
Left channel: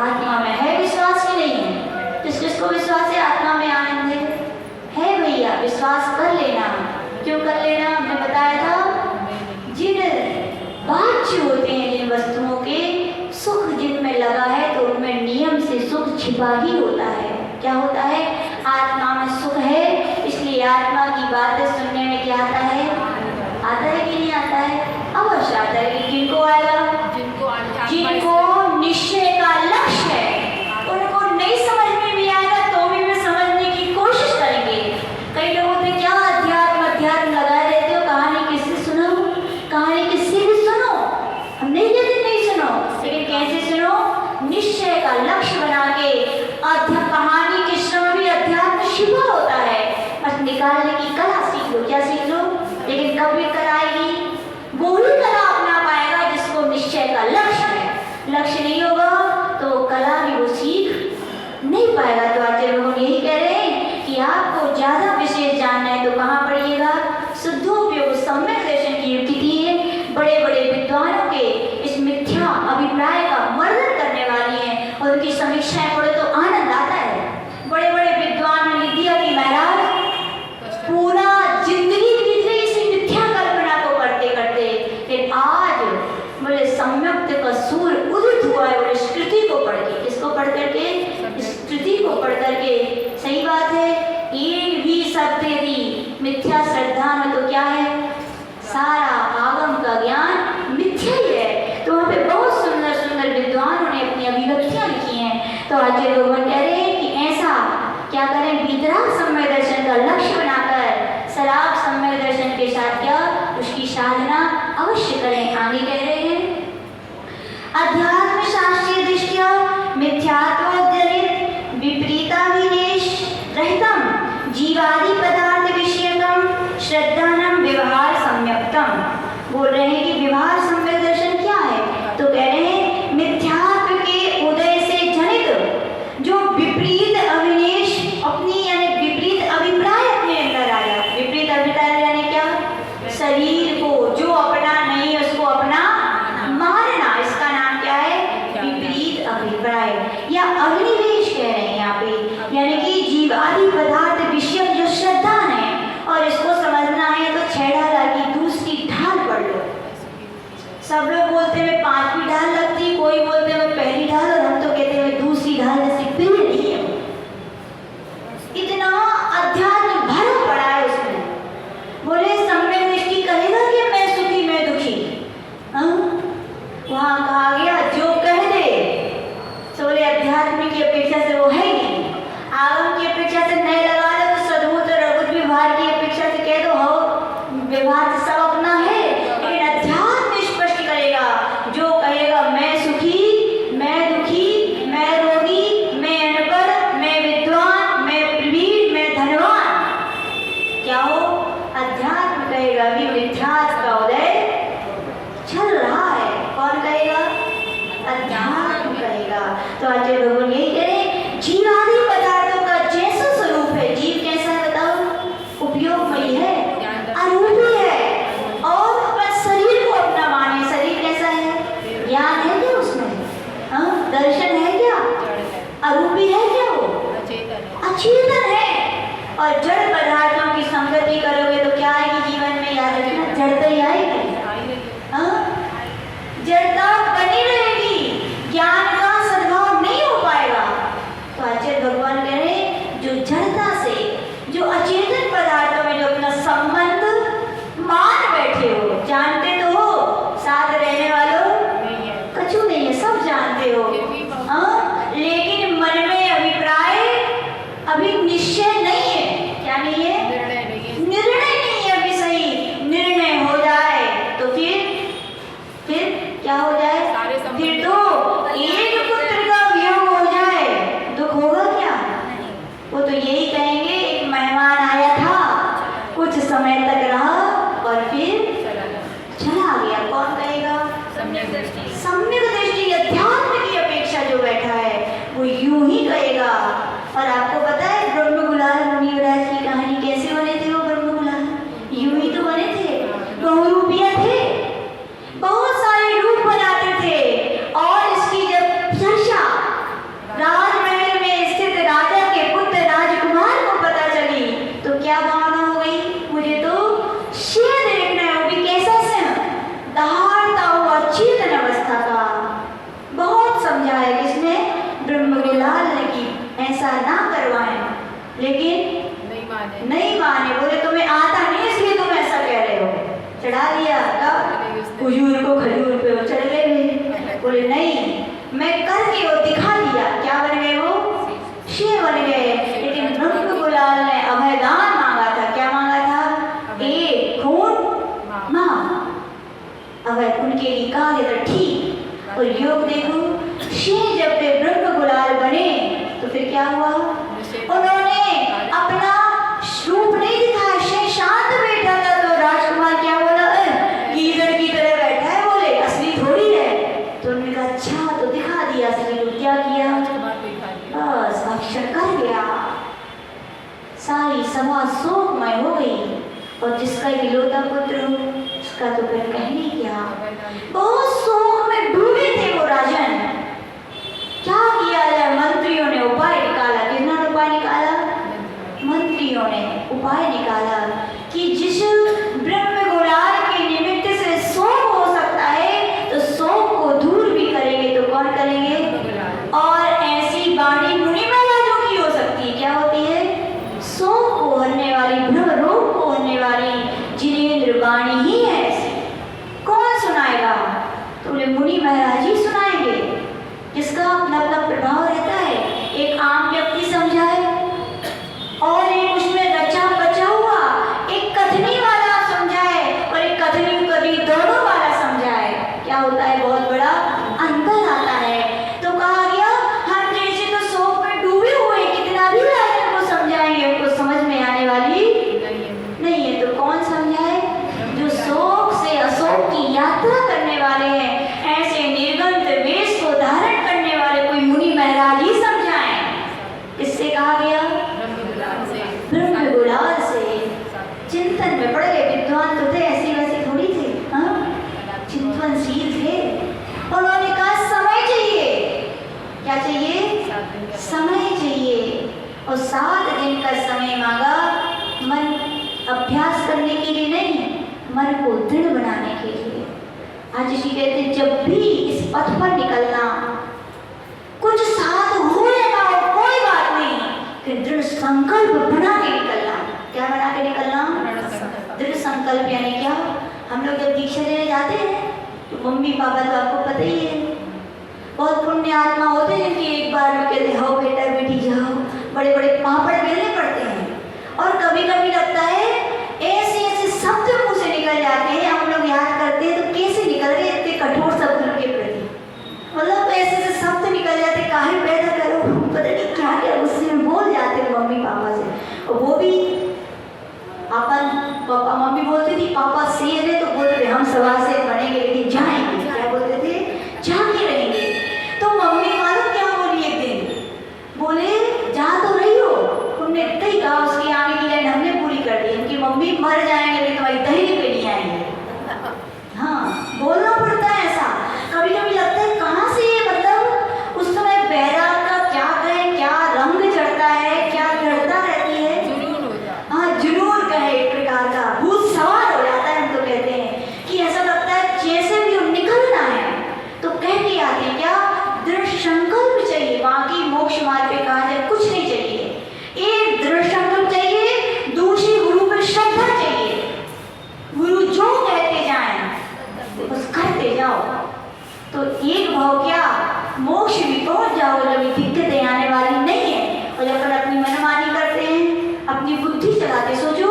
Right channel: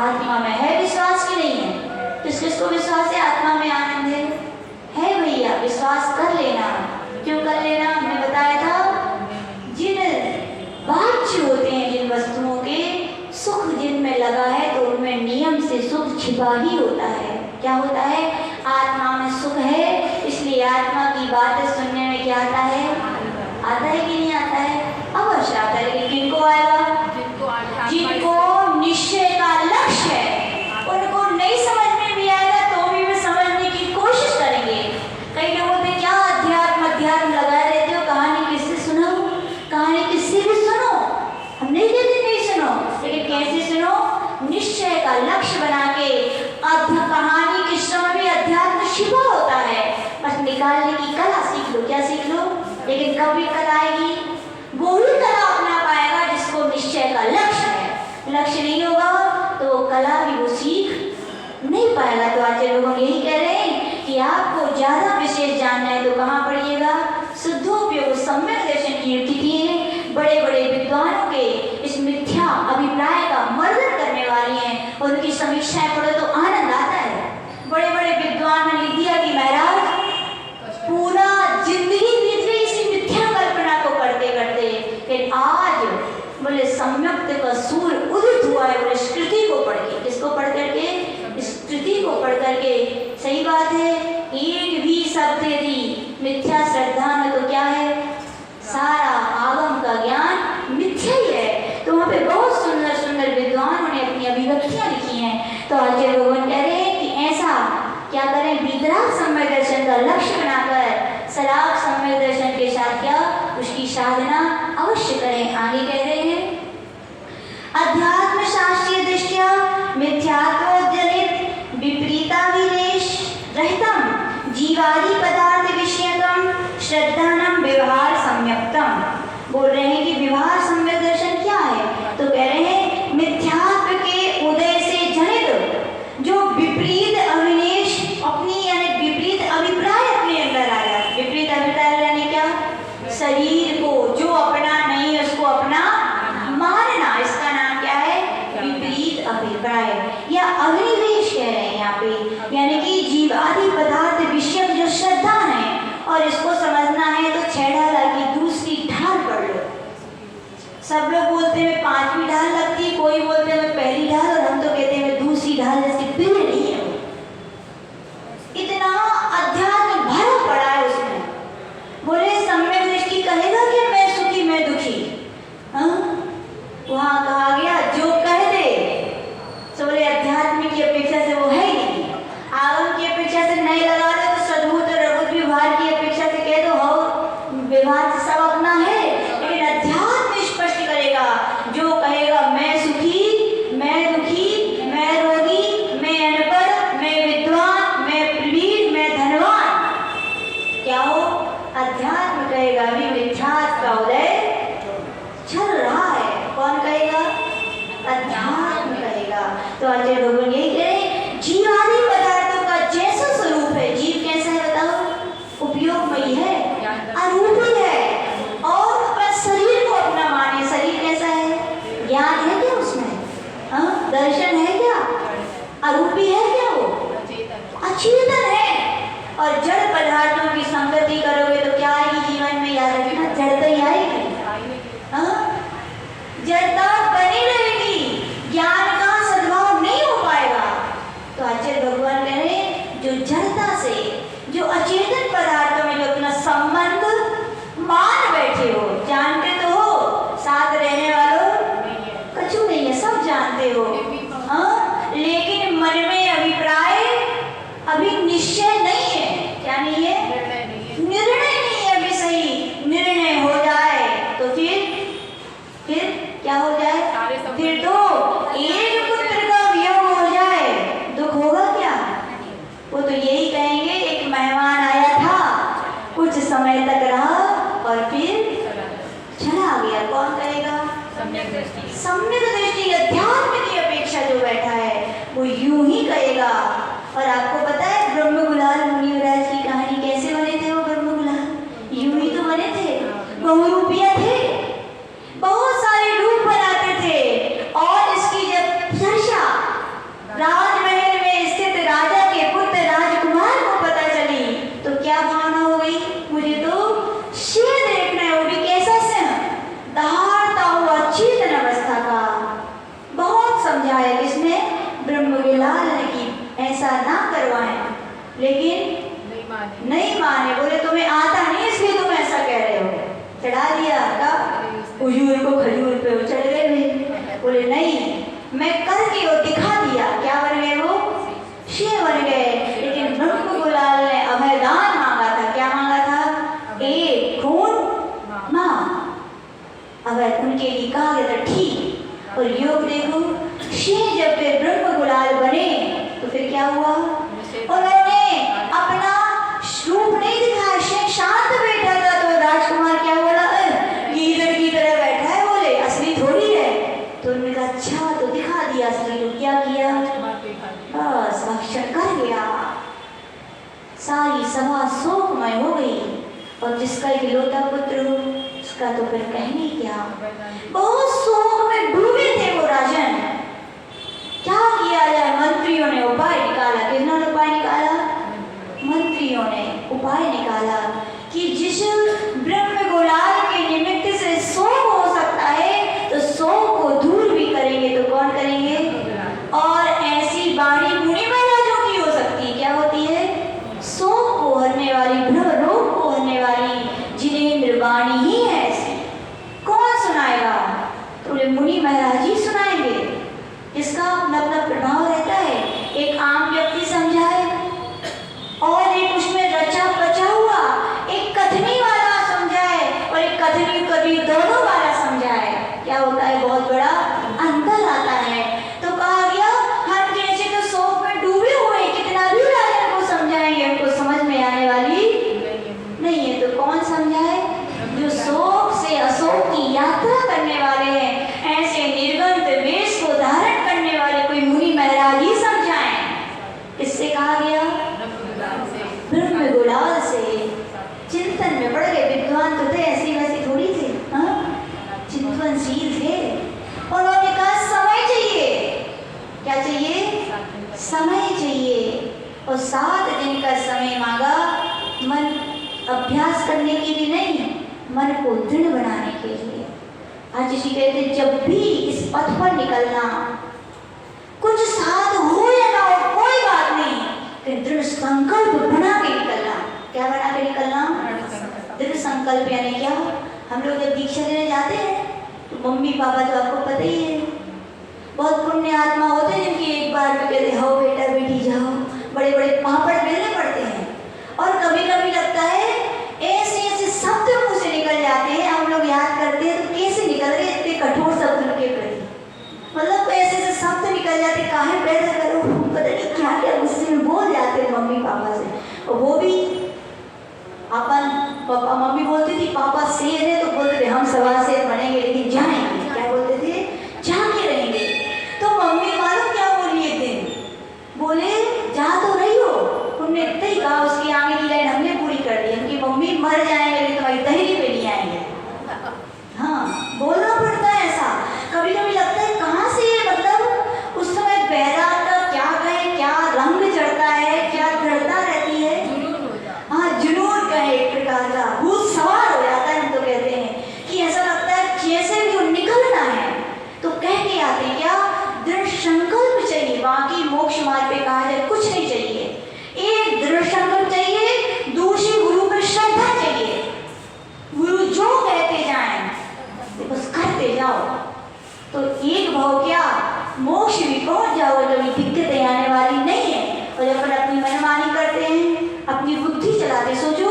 आत्मा में है। विश्वास की नहीं है? किस किसको विश्वास है आत्मा में आनंद है भैया, विश्वास कर लेना। क्यों कर लेना? हमने बताया था, जिन बाह्य होते हैं, जिन वस्तुओं के सुख जिनमें लगा है, तो उनमें नियम से सुख छिपा ही होता है। क्या होता है? आत्मा में सुख है, इसलिए आत्मा की बातें सुनने में क्या आता है? आता है कि नहीं आता है? अवश्य आता है। लेकिन किनको आएगा? जिनको निश्चय का लक्ष्य है, उनको नहीं समझ में भी आएगा तो भी वे समझने की कोशिश करेंगे। हैं तो कहाँ पढ़िएगा? शुद्धोपयोग सम्यक दर्शन की युक्ति थी। बड़े बड़े विद्वानों के इस मिथ्या अभिप्राय का मर्दन करने वाली हैं और उनकी समीक्षाएं पढ़े तो आनंद आता है। बड़े बड़े विद्वान ने लिख दिया कि महाराज पूरा जिंदगी बीत गई इसी मिथ्या कल्पना को करते करते, लेकिन आज बोले सम्यक का सूर उदित हुआ है। बोले स्मृति को पढ़ के, किसको पढ़ करके? स्मृति को पढ़ करके। सही बात है, एक भी सत्य यदि मिथ्या श्रद्धा में तो क्या है? सारा आगम का ज्ञान मिथ्या ही है। तो वहाँ पे बहुत सुंदर सुंदर विद्वानों ने अपनी अभिव्यक्तियां लिखी हैं। तो आज ये लोग कह रहे हैं कि ऐसा क्या करें? वितराग सम्यक दर्शन का लक्ष्य बनाकर सराग सम्यक दर्शन के साथ क्या उसकी साधना अवश्य करें। आगे कह रहे हैं अध्यात्म शास्त्रीय दृष्टिया मिथ्यात्वजनित विपरीताभिनिवेश रहितम जीवादि पदार्थ विषयकम श्रद्धानम व्यवहार सम्यक्तम। बोल रहे हैं कि व्यवहार सम्यक दर्शन क्या है? तो कह रहे हैं मिथ्यात्व के उदय से जनित जो विपरीत अभिनिवेश अपनी यानी विपरीत अभिप्राय अपने अंदर आया। विपरीत अभिप्राय यानी क्या? शरीर को जो अपना नहीं उसको अपना मानना, इसका नाम क्या है? विपरीत अभिप्राय या अभिनिवेश कह रहे हैं यहाँ पे। यानी कि जीव आदि पदार्थ विषय जो श्रद्धा है और इसको समझना है तो 6 ढाल की दूसरी ढाल पढ़ लो। सब लोग बोलते हैं 5वीं ढाल लगती, कोई बोलते हैं पहली ढाल, और हम तो कहते हैं दूसरी ढाल, जैसे पेड़ नहीं है। इतना अध्यात्म भरा पड़ा है उसमें। बोले सम्यक दृष्टि कहेगा कि मैं सुखी मैं दुखी? वहां कहा गया जो कह दे तो बोले अध्यात्म की अपेक्षा से वो है ही नहीं। आगम की अपेक्षा से नहीं लगा लो तो सद्भुत और अद्भुत व्यवहार की अपेक्षा से कह दो हो व्यवहार सब अपना है, लेकिन अध्यात्म स्पष्ट करेगा। जो कहेगा मैं सुखी मैं दुखी मैं रोगी मैं अनपढ़ मैं विद्वान मैं प्रवीण मैं धनवान, क्या हो? अध्यात्म कहेगा भी मिथ्यात्व का उदय चल रहा है। कौन कहेगा? अध्यात्म कहेगा। तो आचार्य भगवान यही कह रहे हैं जीव आदि पदार्थों का जैसा स्वरूप है, जीव कैसा है बताओ? उपयोगमयी है, अरूपी है और अपने शरीर को अपना माने। शरीर कैसा है? ज्ञान है क्या उसमें? दर्शन है क्या? अरूपी है क्या? वो अचेतन है। और जड़ पदार्थों की संगति करोगे तो क्या आएगी जीवन में? याद रखना, जड़ता ही आएगी। जड़ता बनी रहेगी, ज्ञान का सद्भाव नहीं हो पाएगा। तो आचार्य भगवान कह रहे हैं जो जड़ता से जो अचेतन पदार्थों में जो अपना संबंध मान बैठे हो, जानते तो हो साथ रहने वालों कछु नहीं है, सब जानते हो, लेकिन मन में अभिप्राय अभी निश्चय नहीं है। क्या नहीं है? निर्णय नहीं है अभी सही। निर्णय हो जाए तो फिर क्या हो जाए? फिर तो एक पुत्र का वियोग हो जाए, दुख होगा क्या? वो तो यही कहेंगे एक मेहमान आया था, कुछ समय तक रहा और फिर चला गया। कौन कहेगा? सम्यक दृष्टि अध्यात्म की अपेक्षा जो बैठा है वो यूं ही कहेगा। और आपको पता है ब्रह्म गुलाल मुनि महाराज की कहानी कैसे बने थे? वो ब्रह्म गुलाल यूं ही तो बने थे, बहुरूपिया थे, बहुत सारे रूप बनाते थे। और इसकी जब चर्चा राजमहल में स्थित राजा के पुत्र राजकुमार को पता चली तो क्या भावना हो गई? मुझे तो शेर देखना है, वो भी कैसा से दहाड़ता हुआ चेतन अवस्था का। बहुत समझाया किसने? ब्रह्म गुलाल ने कि ऐसा ना करवाएं, लेकिन नहीं माने। बोले तुम्हें आता नहीं इसलिए तुम ऐसा कह रहे हो। चढ़ा दिया खजूर को, खजूर पे वो चढ़ गए वे। बोले नहीं मैं करके वो दिखा दिया। क्या बन गए? वो शेर बन गए। लेकिन ब्रह्म गुलाल ने अभयदान मांगा था। क्या मांगा था? एक खून मां। अभय उनके लिए कहा गया था ठीक। और योग देखो शेर जब वे ब्रह्म गुलाल बने तो फिर क्या हुआ? उन्होंने अपना रूप नहीं दिखाया। शेर शांत बैठा था तो राजकुमार क्या बोला? गीदड़ की तरह बैठा है, बोले असली थोड़ी है। तो उन्होंने कहा अच्छा तो दिखा दिया असली। तो क्या किया? बस अक्षर कर गया। सारी सभा शोकमय हो गई। और जिसका इकलौता पुत्र हो उसका तो फिर कहने क्या। बहुत शोक में डूबे थे वो राजन। क्या किया जाए, मंत्रियों ने उपाय निकाला। किसने उपाय निकाला? मंत्रियों ने उपाय निकाला कि जिस ब्रह्म गुलाल के निमित्त से शोक हो सकता है तो शोक को दूर भी करेंगे तो कौन करेंगे? और ऐसी वाणी मुनि महाराजों की हो सकती है। क्या होती है? शोक को हरने वाली, भ्रम रोग को हरने वाली जिनेंद्र वाणी ही है ऐसी। कौन सुनाएगा? तो बोले मुनि महाराज ही सुनाएंगे, जिसका अपना अपना प्रभाव रहता है। एक आम व्यक्ति समझाए और एक उसमें रचा बचा हुआ, एक कथनी वाला समझाए और एक कथनी कभी दोनों वाला समझाए। क्या होता है? बहुत बड़ा अंतर आता है। तो कहा गया हम जैसे तो शोक में डूबे हुए कितना भी राजन को समझाएंगे उनको समझ में आने वाली नहीं है। तो कौन समझाए? जो शोक से अशोक की यात्रा करने वाले हैं, ऐसे निर्गंत वेश को धारण करने वाले कोई मुनि महाराज ही समझाएं। इससे कहा गया ब्रह्म गुलाल से। चिंतन में पड़ गए। विद्वान तो थे, ऐसी वैसी थोड़ी थे, चिंतनशील थे। उन्होंने कहा समय चाहिए। क्या चाहिए? समय चाहिए। और 7 दिन का समय मांगा, मन अभ्यास करने के लिए नहीं, मन को दृढ़ बनाने के लिए। आज जी कहते जब भी इस पथ पर निकलना, कुछ साथ हुए ना हो कोई बात नहीं, कि दृढ़ संकल्प बना के निकलना। क्या बना के निकलना? दृढ़ संकल्प। यानी क्या? हम लोग जब दीक्षा लेने जाते हैं तो मम्मी पापा तो आपको पता ही है, बहुत पुण्य आत्मा होते हैं जिनकी एक बार में कहते हो बेटा बेटी जाओ, बड़े बड़े पापड़ बेलने पड़ते हैं। और कभी कभी लगता है ऐसे ऐसे शब्द मुंह से निकल जाते हैं, हम लोग याद करते हैं तो कैसे निकल रहे इतने कठोर शब्दों के प्रति। मतलब ऐसे ऐसे शब्द निकल जाते, काहे पैदा करो, पता नहीं क्या क्या गुस्से में बोल जाते हैं मम्मी पापा से। और वो भी अपन पापा मम्मी बोलती थी पापा शेर है तो बोलते थे हम सवा से बनेंगे लेकिन जाएंगे। क्या बोलते थे? जाके रहेंगे। तो मम्मी मालूम क्या बोली एक दिन? बोले जा तो रही हो, तुमने इतना ही कहा, उसकी आगे की लाइन हमने पूरी कर दी। उनकी मम्मी मर जाएंगे लेकिन तुम्हारी दहली पे नहीं आएंगे। हाँ, बोलना पड़ता है ऐसा। कभी कभी लगता है कहाँ से मतलब उस समय बैराग का क्या कहे, क्या रंग चढ़ता है, क्या घटना रहती है। हाँ, जुनून कहे एक प्रकार का, भूत सवार हो जाता है। हम तो कहते हैं कि ऐसा लगता है जैसे भी निकलना है तो कह के आते हैं। क्या? दृढ़ संकल्प चाहिए। बाकी मोक्ष मार्ग पे कहा जाए कुछ नहीं चाहिए, एक दृढ़ संकल्प चाहिए, दूसरी गुरु पे श्रद्धा चाहिए। गुरु जो कहते जाएं बस करते जाओ तो एक भाव क्या मोक्ष भी पहुंच जाओ। जब दिक्कतें आने वाली नहीं है। और जब अपन अपनी मनमानी करते हैं, अपनी बुद्धि चलाते, सोचो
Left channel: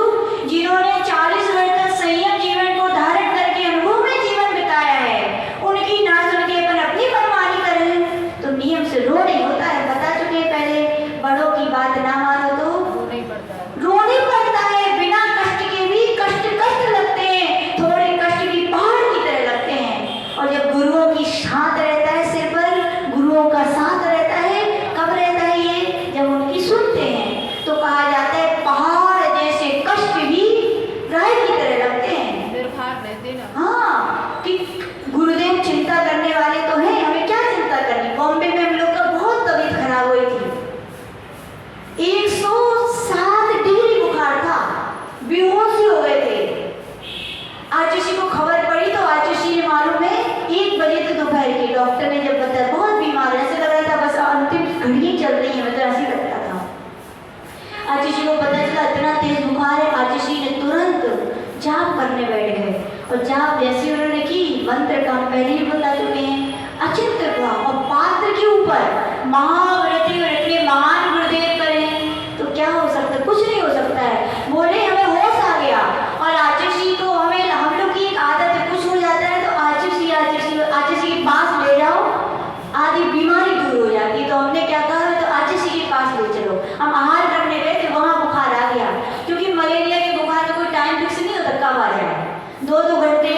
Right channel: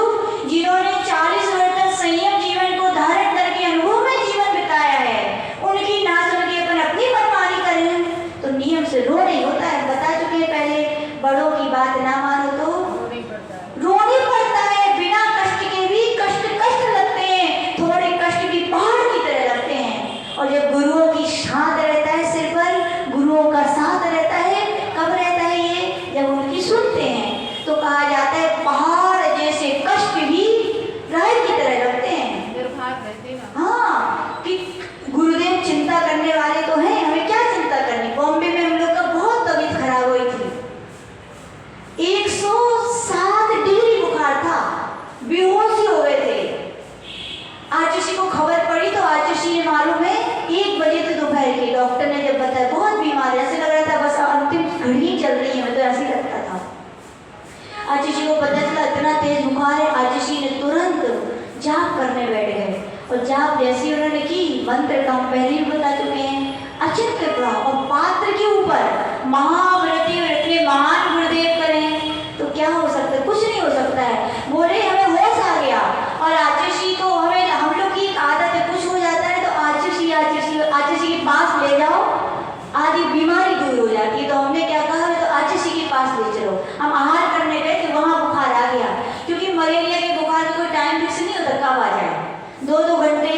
जिन्होंने 40 वर्ष तक संयम जीवन को धारण करके अनुभव में जीवन बिताया है, उनकी ना सुन के अपन अपनी मनमानी करें तो नियम से रो नहीं होता है। बता चुके पहले, बड़ों की बात ना मानो तो रोने पड़ता है। बिना कष्ट के भी कष्ट लगते हैं, थोड़े कष्ट भी पहाड़ की तरह लगते हैं। और जब गुरुओं की साथ रहता है सिर पर, गुरुओं का साथ रहता है, कब रहता है ये? जब उनकी सुनते हैं तो कहा जाता है पहाड़ जैसे कष्ट भी राय की तरह लगते हैं। हाँ, कि गुरुदेव चिंता करने वाले तो हैं, हमें क्या चिंता करनी। बॉम्बे में हम लोग का बहुत तबीयत खराब हुई थी, 107 डिग्री बुखार था, बेहोश हो गए थे। आचुषी को खबर पड़ी तो आचुषी ने मालूम है 1 बजे तो दोपहर के, डॉक्टर ने जब बताया बहुत बीमार, ऐसे लग रहा था बस अंतिम घड़ी चल रही है, मतलब ऐसे लगता था। आचुषी को पता चला इतना तेज बुखार है। आचुषी ने तुरंत जाप करने बैठ गए और जाप जैसे उन्होंने की, मंत्र का हम पहले ही बता चुके हैं, अचिंत्य प्रभाव और पात्र के ऊपर महाव्रती और इतने महान गुरुदेव करें तो क्या हो सकता है? कुछ नहीं हो सकता है। बोले हमें होश आ गया। और आचुषी को हमें, हम लोग की आदत है कुछ हो जाता है तो आचुषी के पास ले जाओ, आधी बीमारी दूर हो जाती है। तो हमने क्या कहा, तो आचुषी के पास ले चलो। हम आहार करने गए तो वहाँ बुखार आ गया, क्योंकि मलेरिया के बुखार का कोई टाइम फिक्स नहीं होता कब आ जाए। 2-2 घंटे,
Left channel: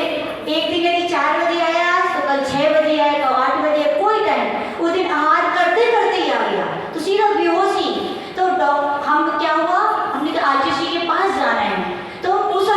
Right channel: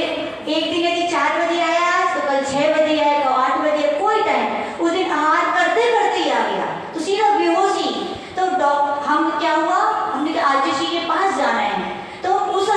एक दिन यदि 4 बजे आया तो कल 6 बजे आएगा, 8 बजे, कोई टाइम। उस दिन आहार करते करते ही आ गया तो सीधा बेहोशी। तो हम क्या हुआ, हमने कहा आचुषी के पास जाना है। तो उस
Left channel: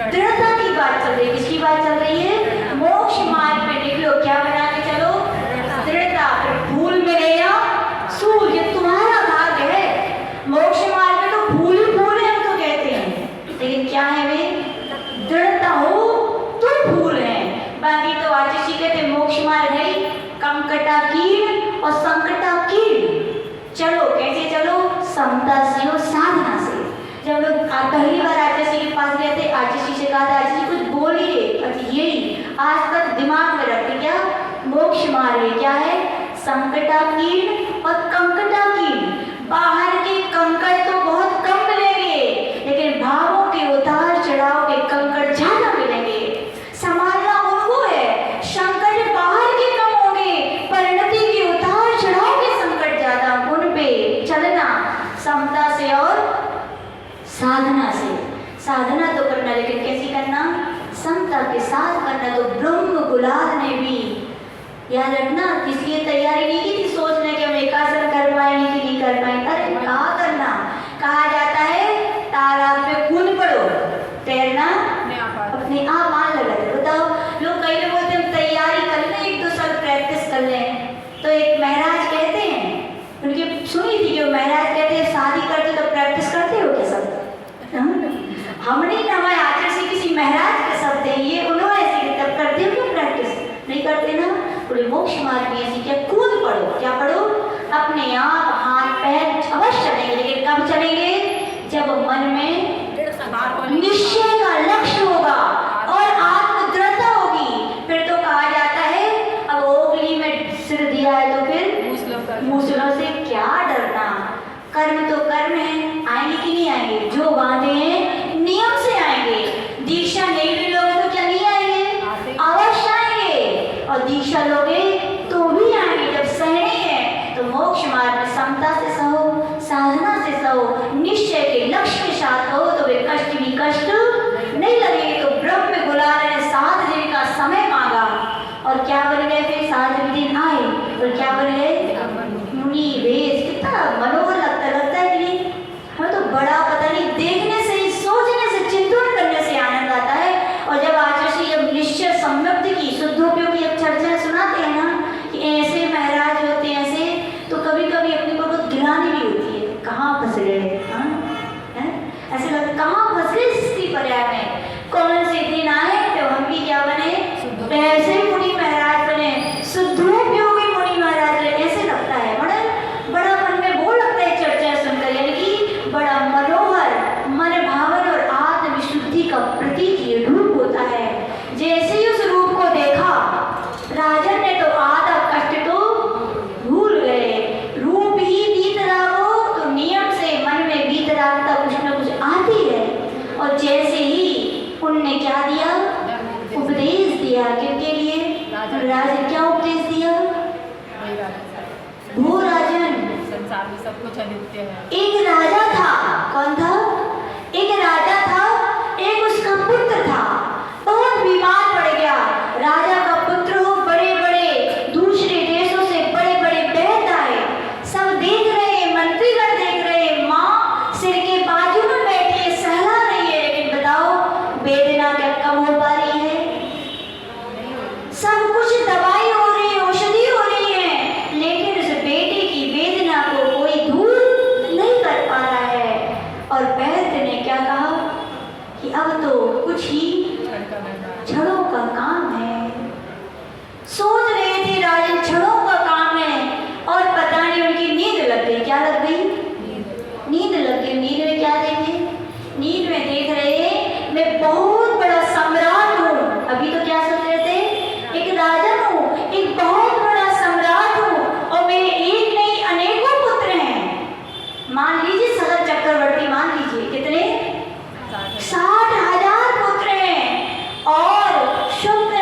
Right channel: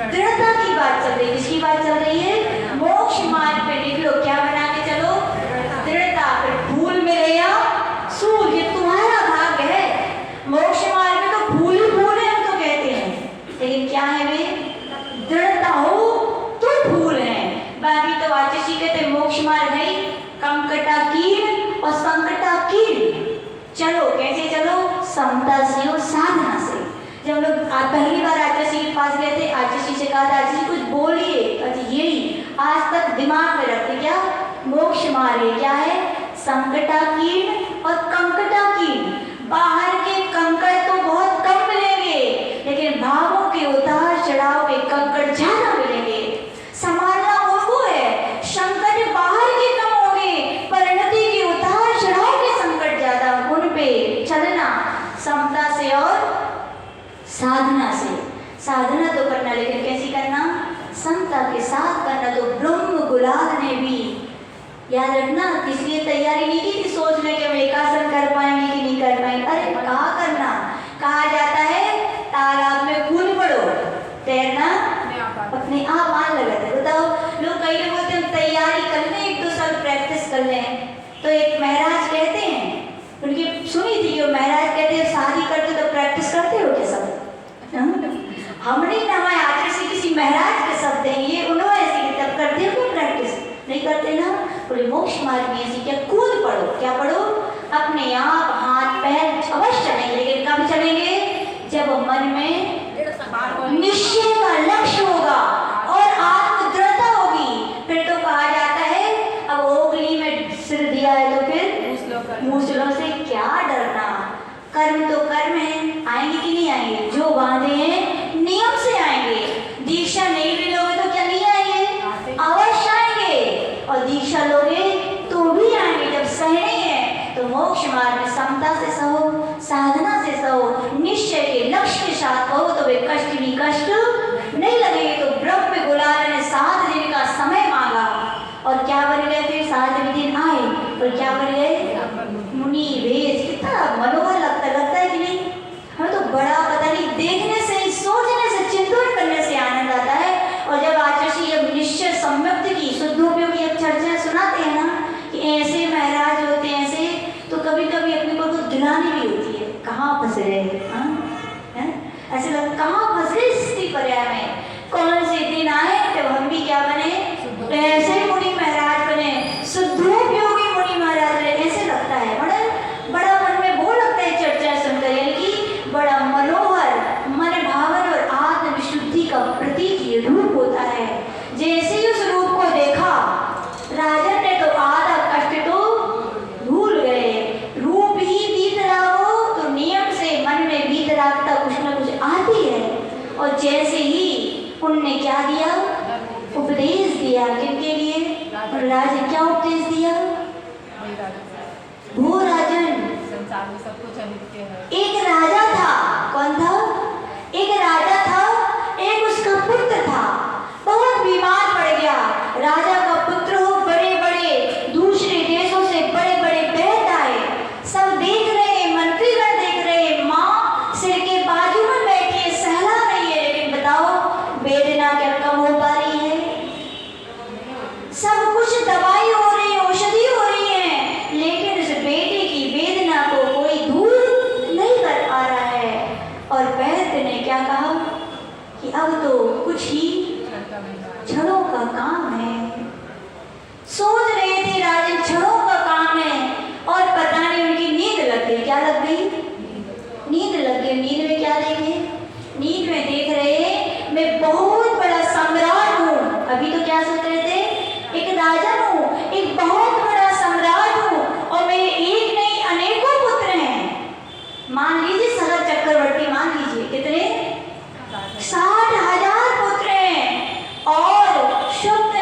दृढ़ता की बात चल रही है। किसकी बात चल रही है? मोक्ष मार्ग पे देख लो क्या बना के चलो, दृढ़ता। फिर भूल मिले या सूल, ये तुम्हारा भाग्य है। मोक्ष मार्ग में तो भूल ही भूल है हम तो कहते हैं, लेकिन क्या है वे? दृढ़ता हो तो भूल है। बाकी तो आचार्य कहते मोक्ष मार्ग है कंकटाकीर्ण और संकटाकीर्ण। चलो कैसे चलो? समता से और साधना से। जब लोग पहली बार आचार्य के पास गए थे, आचार्य से कहा था आचार्य कुछ बोलिए, यही आज तक दिमाग में रखते क्या? मोक्ष मार्ग है क्या है? संकटाकीर्ण और कंकटाकीर्ण। बाहर के कंकड़ तो बहुत कम मिलेंगे, लेकिन भावों के उतार चढ़ाव के कंकड़ ज्यादा मिलेंगे। संभालना उनको है। संकट बाहर के कम होंगे, परिणति के उतार चढ़ाव के संकट ज्यादा, उन पे चलना समता से और साधना से। साधना तो करना, लेकिन कैसी करना? समता के साथ करना। तो ब्रह्म गुलाल ने भी याद रखना, इसलिए तैयारी नहीं की थी सोच ले कि हम एकासन कर पाएंगे कि नहीं कर पाएंगे। अरे कहा करना, कहा जाता है तालाब में कूद पड़ो, तैरना अपने आप आने लगा था। बताओ, लोग कई लोग बोलते हैं तैयारी कर लें, एक दो साल प्रैक्टिस कर लें। तो एक महाराज कहते हैं, उनकी सुनी थी, जो महाराज कहते हैं शादी करते तो प्रैक्टिस करते हो क्या सब? हमने हमारे आचार्य से किसी महाराज के शब्द हैं ये, उन्होंने ऐसे किताब करते हो तो प्रैक्टिस नहीं करते ना। बोले मोक्ष मार्ग में ऐसी क्या? कूद पड़ो। क्या पढ़ो? अपने आप हाथ पैर अवश्य चलेंगे, लेकिन कब चलेंगे? जब मन में निश्चय का लक्ष्य होगा और आत्म दृढ़ता होगी। फिर तो कहा जाता है अब ओगली में सिर दिया है तो फिर मूसलों से क्या डरना। कर्म तो कर्म है, आएंगे कि नहीं आएंगे? जो बांधे हैं नियम से आएंगे। दीक्षा नहीं भी लोगे तो क्या नहीं आएंगे? अवश्य आएंगे। और दीक्षा लोगे तो भी आएंगे। जब सहने हैं तो मोक्ष मार्ग में समता से सहो, साधना से सहो, निश्चय के लक्ष्य के साथ हो तो वे कष्ट भी कष्ट नहीं लगेंगे। तो ब्रह्म गुलाल ने 7 दिन का समय मांगा और क्या बन गए थे? 7 दिन आए और क्या बन गए? मुनि वेश। कितना मनोहर लगता है कि नहीं? हमें तो बड़ा पता नहीं, देखने से ही, सोचने से, चिंतन करने से आनंद आता है। और जब आचार्य जब निश्चय सम्यक्त की शुद्धोपयोग की चर्चा सुनाते हैं ना कि ऐसे महाराज होते हैं ऐसे, तो कभी कभी अपने को गिलानी भी होती है, कहाँ फंस गए, ऐसे लगता कहाँ फंस गए स्थिति पर्याय में। कौन से दिन आए तो हम भी क्या बने? ऐसे मुनि महाराज बने, शुद्धोपयोगी मुनि महाराज बने। ऐसे लगता है, बड़ा मन में वो लगता है चर्चा सुनकर, यानी कि बड़ा मनोहर, मन भावन और आत्म विशुद्धि का प्रतीक ये रूप होता है। जैसे ही उस रूप को देखा राजन ने तो आधा कष्ट तो भूल गए। रूप ही वीतरागो, तो नियम से मन में वीतरागता कुछ न कुछ आती है। और जैसे ही उनने क्या दिया? उपदेश दिया। किसके लिए? राजन। क्या उपदेश दिया? वो राजन एक राजा था। कौन था? एक राजा था, एक उसका पुत्र था, बहुत बीमार पड़ गया। राजा का पुत्र हो, बड़े बड़े दूसरे देशों से बड़े बड़े वैद्य आए, सब देख रहे, मंत्रीगण देख रहे, माँ सिर के बाजू में बैठी है, सहला रही है, लेकिन बताओ वेदना क्या कम हो पा रही है? सब कुछ दवाई हो रही है, औषधि हो रही है, लेकिन उस बेटे की वेदना को कोई दूर नहीं कर पा रहा है। और वैद्य ने क्या कहा कि अब तो कुछ ही क्षणों का काम है। सोच रहे थे राजन क्षणों का काम है, और पता नहीं उनकी नींद लग गई। क्या लग गई? नींद लग गई। नींद में क्या देखे? नींद में देख रहे मैं बहुत बड़ा सम्राट हूँ। अभी तो क्या सोच रहे थे? एक राजन हूँ, एक बहुत बड़ा सम्राट हूँ, और मेरे एक नहीं अनेकों पुत्र हैं। मान लीजिए सगर चक्रवर्ती, मान लीजिए कितने? 60,000 पुत्र हैं। और शुक्र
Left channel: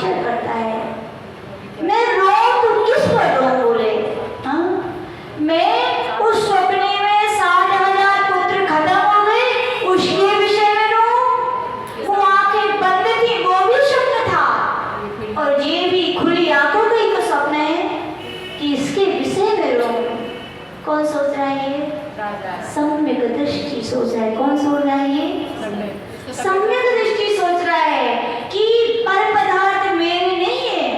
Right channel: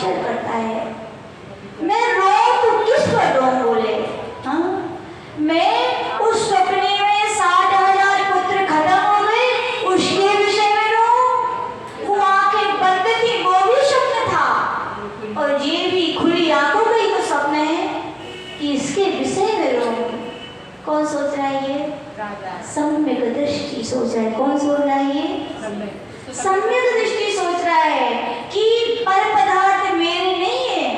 आश्चर्य करता है। मैं रोऊं तो किस पर रोऊं बोले? हाँ? मैं उस सपने में 60,000 पुत्र खत्म हो गए उसके विषय में रोऊं? वो आंखें बंद थी वो भी स्वप्न था, और ये भी खुली आंखों का ही तो स्वप्न है कि इसके विषय में रोऊं। कौन सोच रहा है ये? सम्यक दृष्टि सोच रहा है। कौन सोच रहा है ये? सम्यक दृष्टि सोच रहा है कि पर पदार्थ मेरे नहीं है।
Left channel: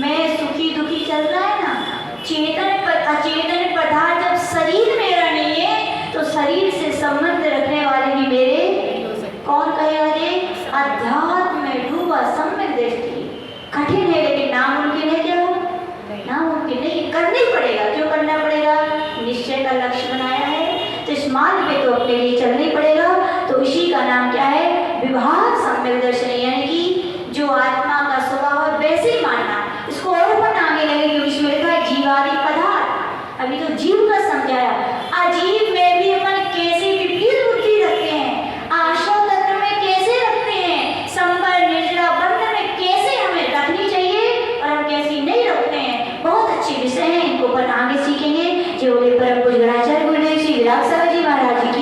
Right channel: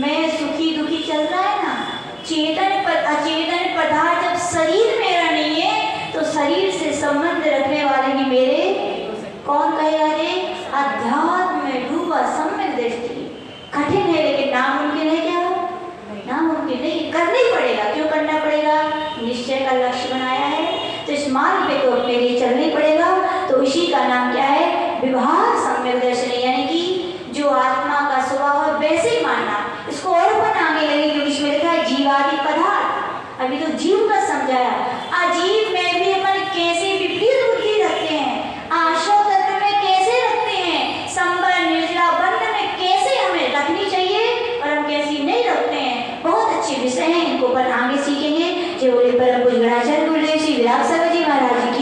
मैं सुखी दुखी चल रहा है ना, अचेतन पदार्थ जब शरीर मेरा नहीं है तो शरीर से संबंध रखने वाले भी मेरे। कौन कहेगा रे? अध्यात्म में डूबा सम्यक दृष्टि कठिन है, लेकिन नामुमकिन है क्या? नामुमकिन नहीं, करना ही पड़ेगा। क्यों करना पड़ेगा? निश्चय का लक्ष्य बनाया है तो इस मार्ग पे तो अपने लिए चलना ही पड़ेगा। तो इसी का नाम क्या है? विभाग सम्यक दर्शन, यानी कि जो आत्मा का स्वभाव है वैसे ही मानना। इसको और अपन आगे लगेगी, उसमें लिखा है जीवादि पदार्थ। अभी तो जीव का समझाया, अजीव में भी अपन कैसी विपरीत बुद्धि रखते हैं, आश्रम तत्व में कैसे रखते हैं, संबर निर्जला बंध में कैसे हमें रखनी चाहिए और हम कैसी नहीं रखते हैं। बहुत अच्छे विषय हैं, इनको अपन आगे सीखेंगे। जो बोले परम पूज्य गुरुदेव श्री विराट सागर जी महाराज जी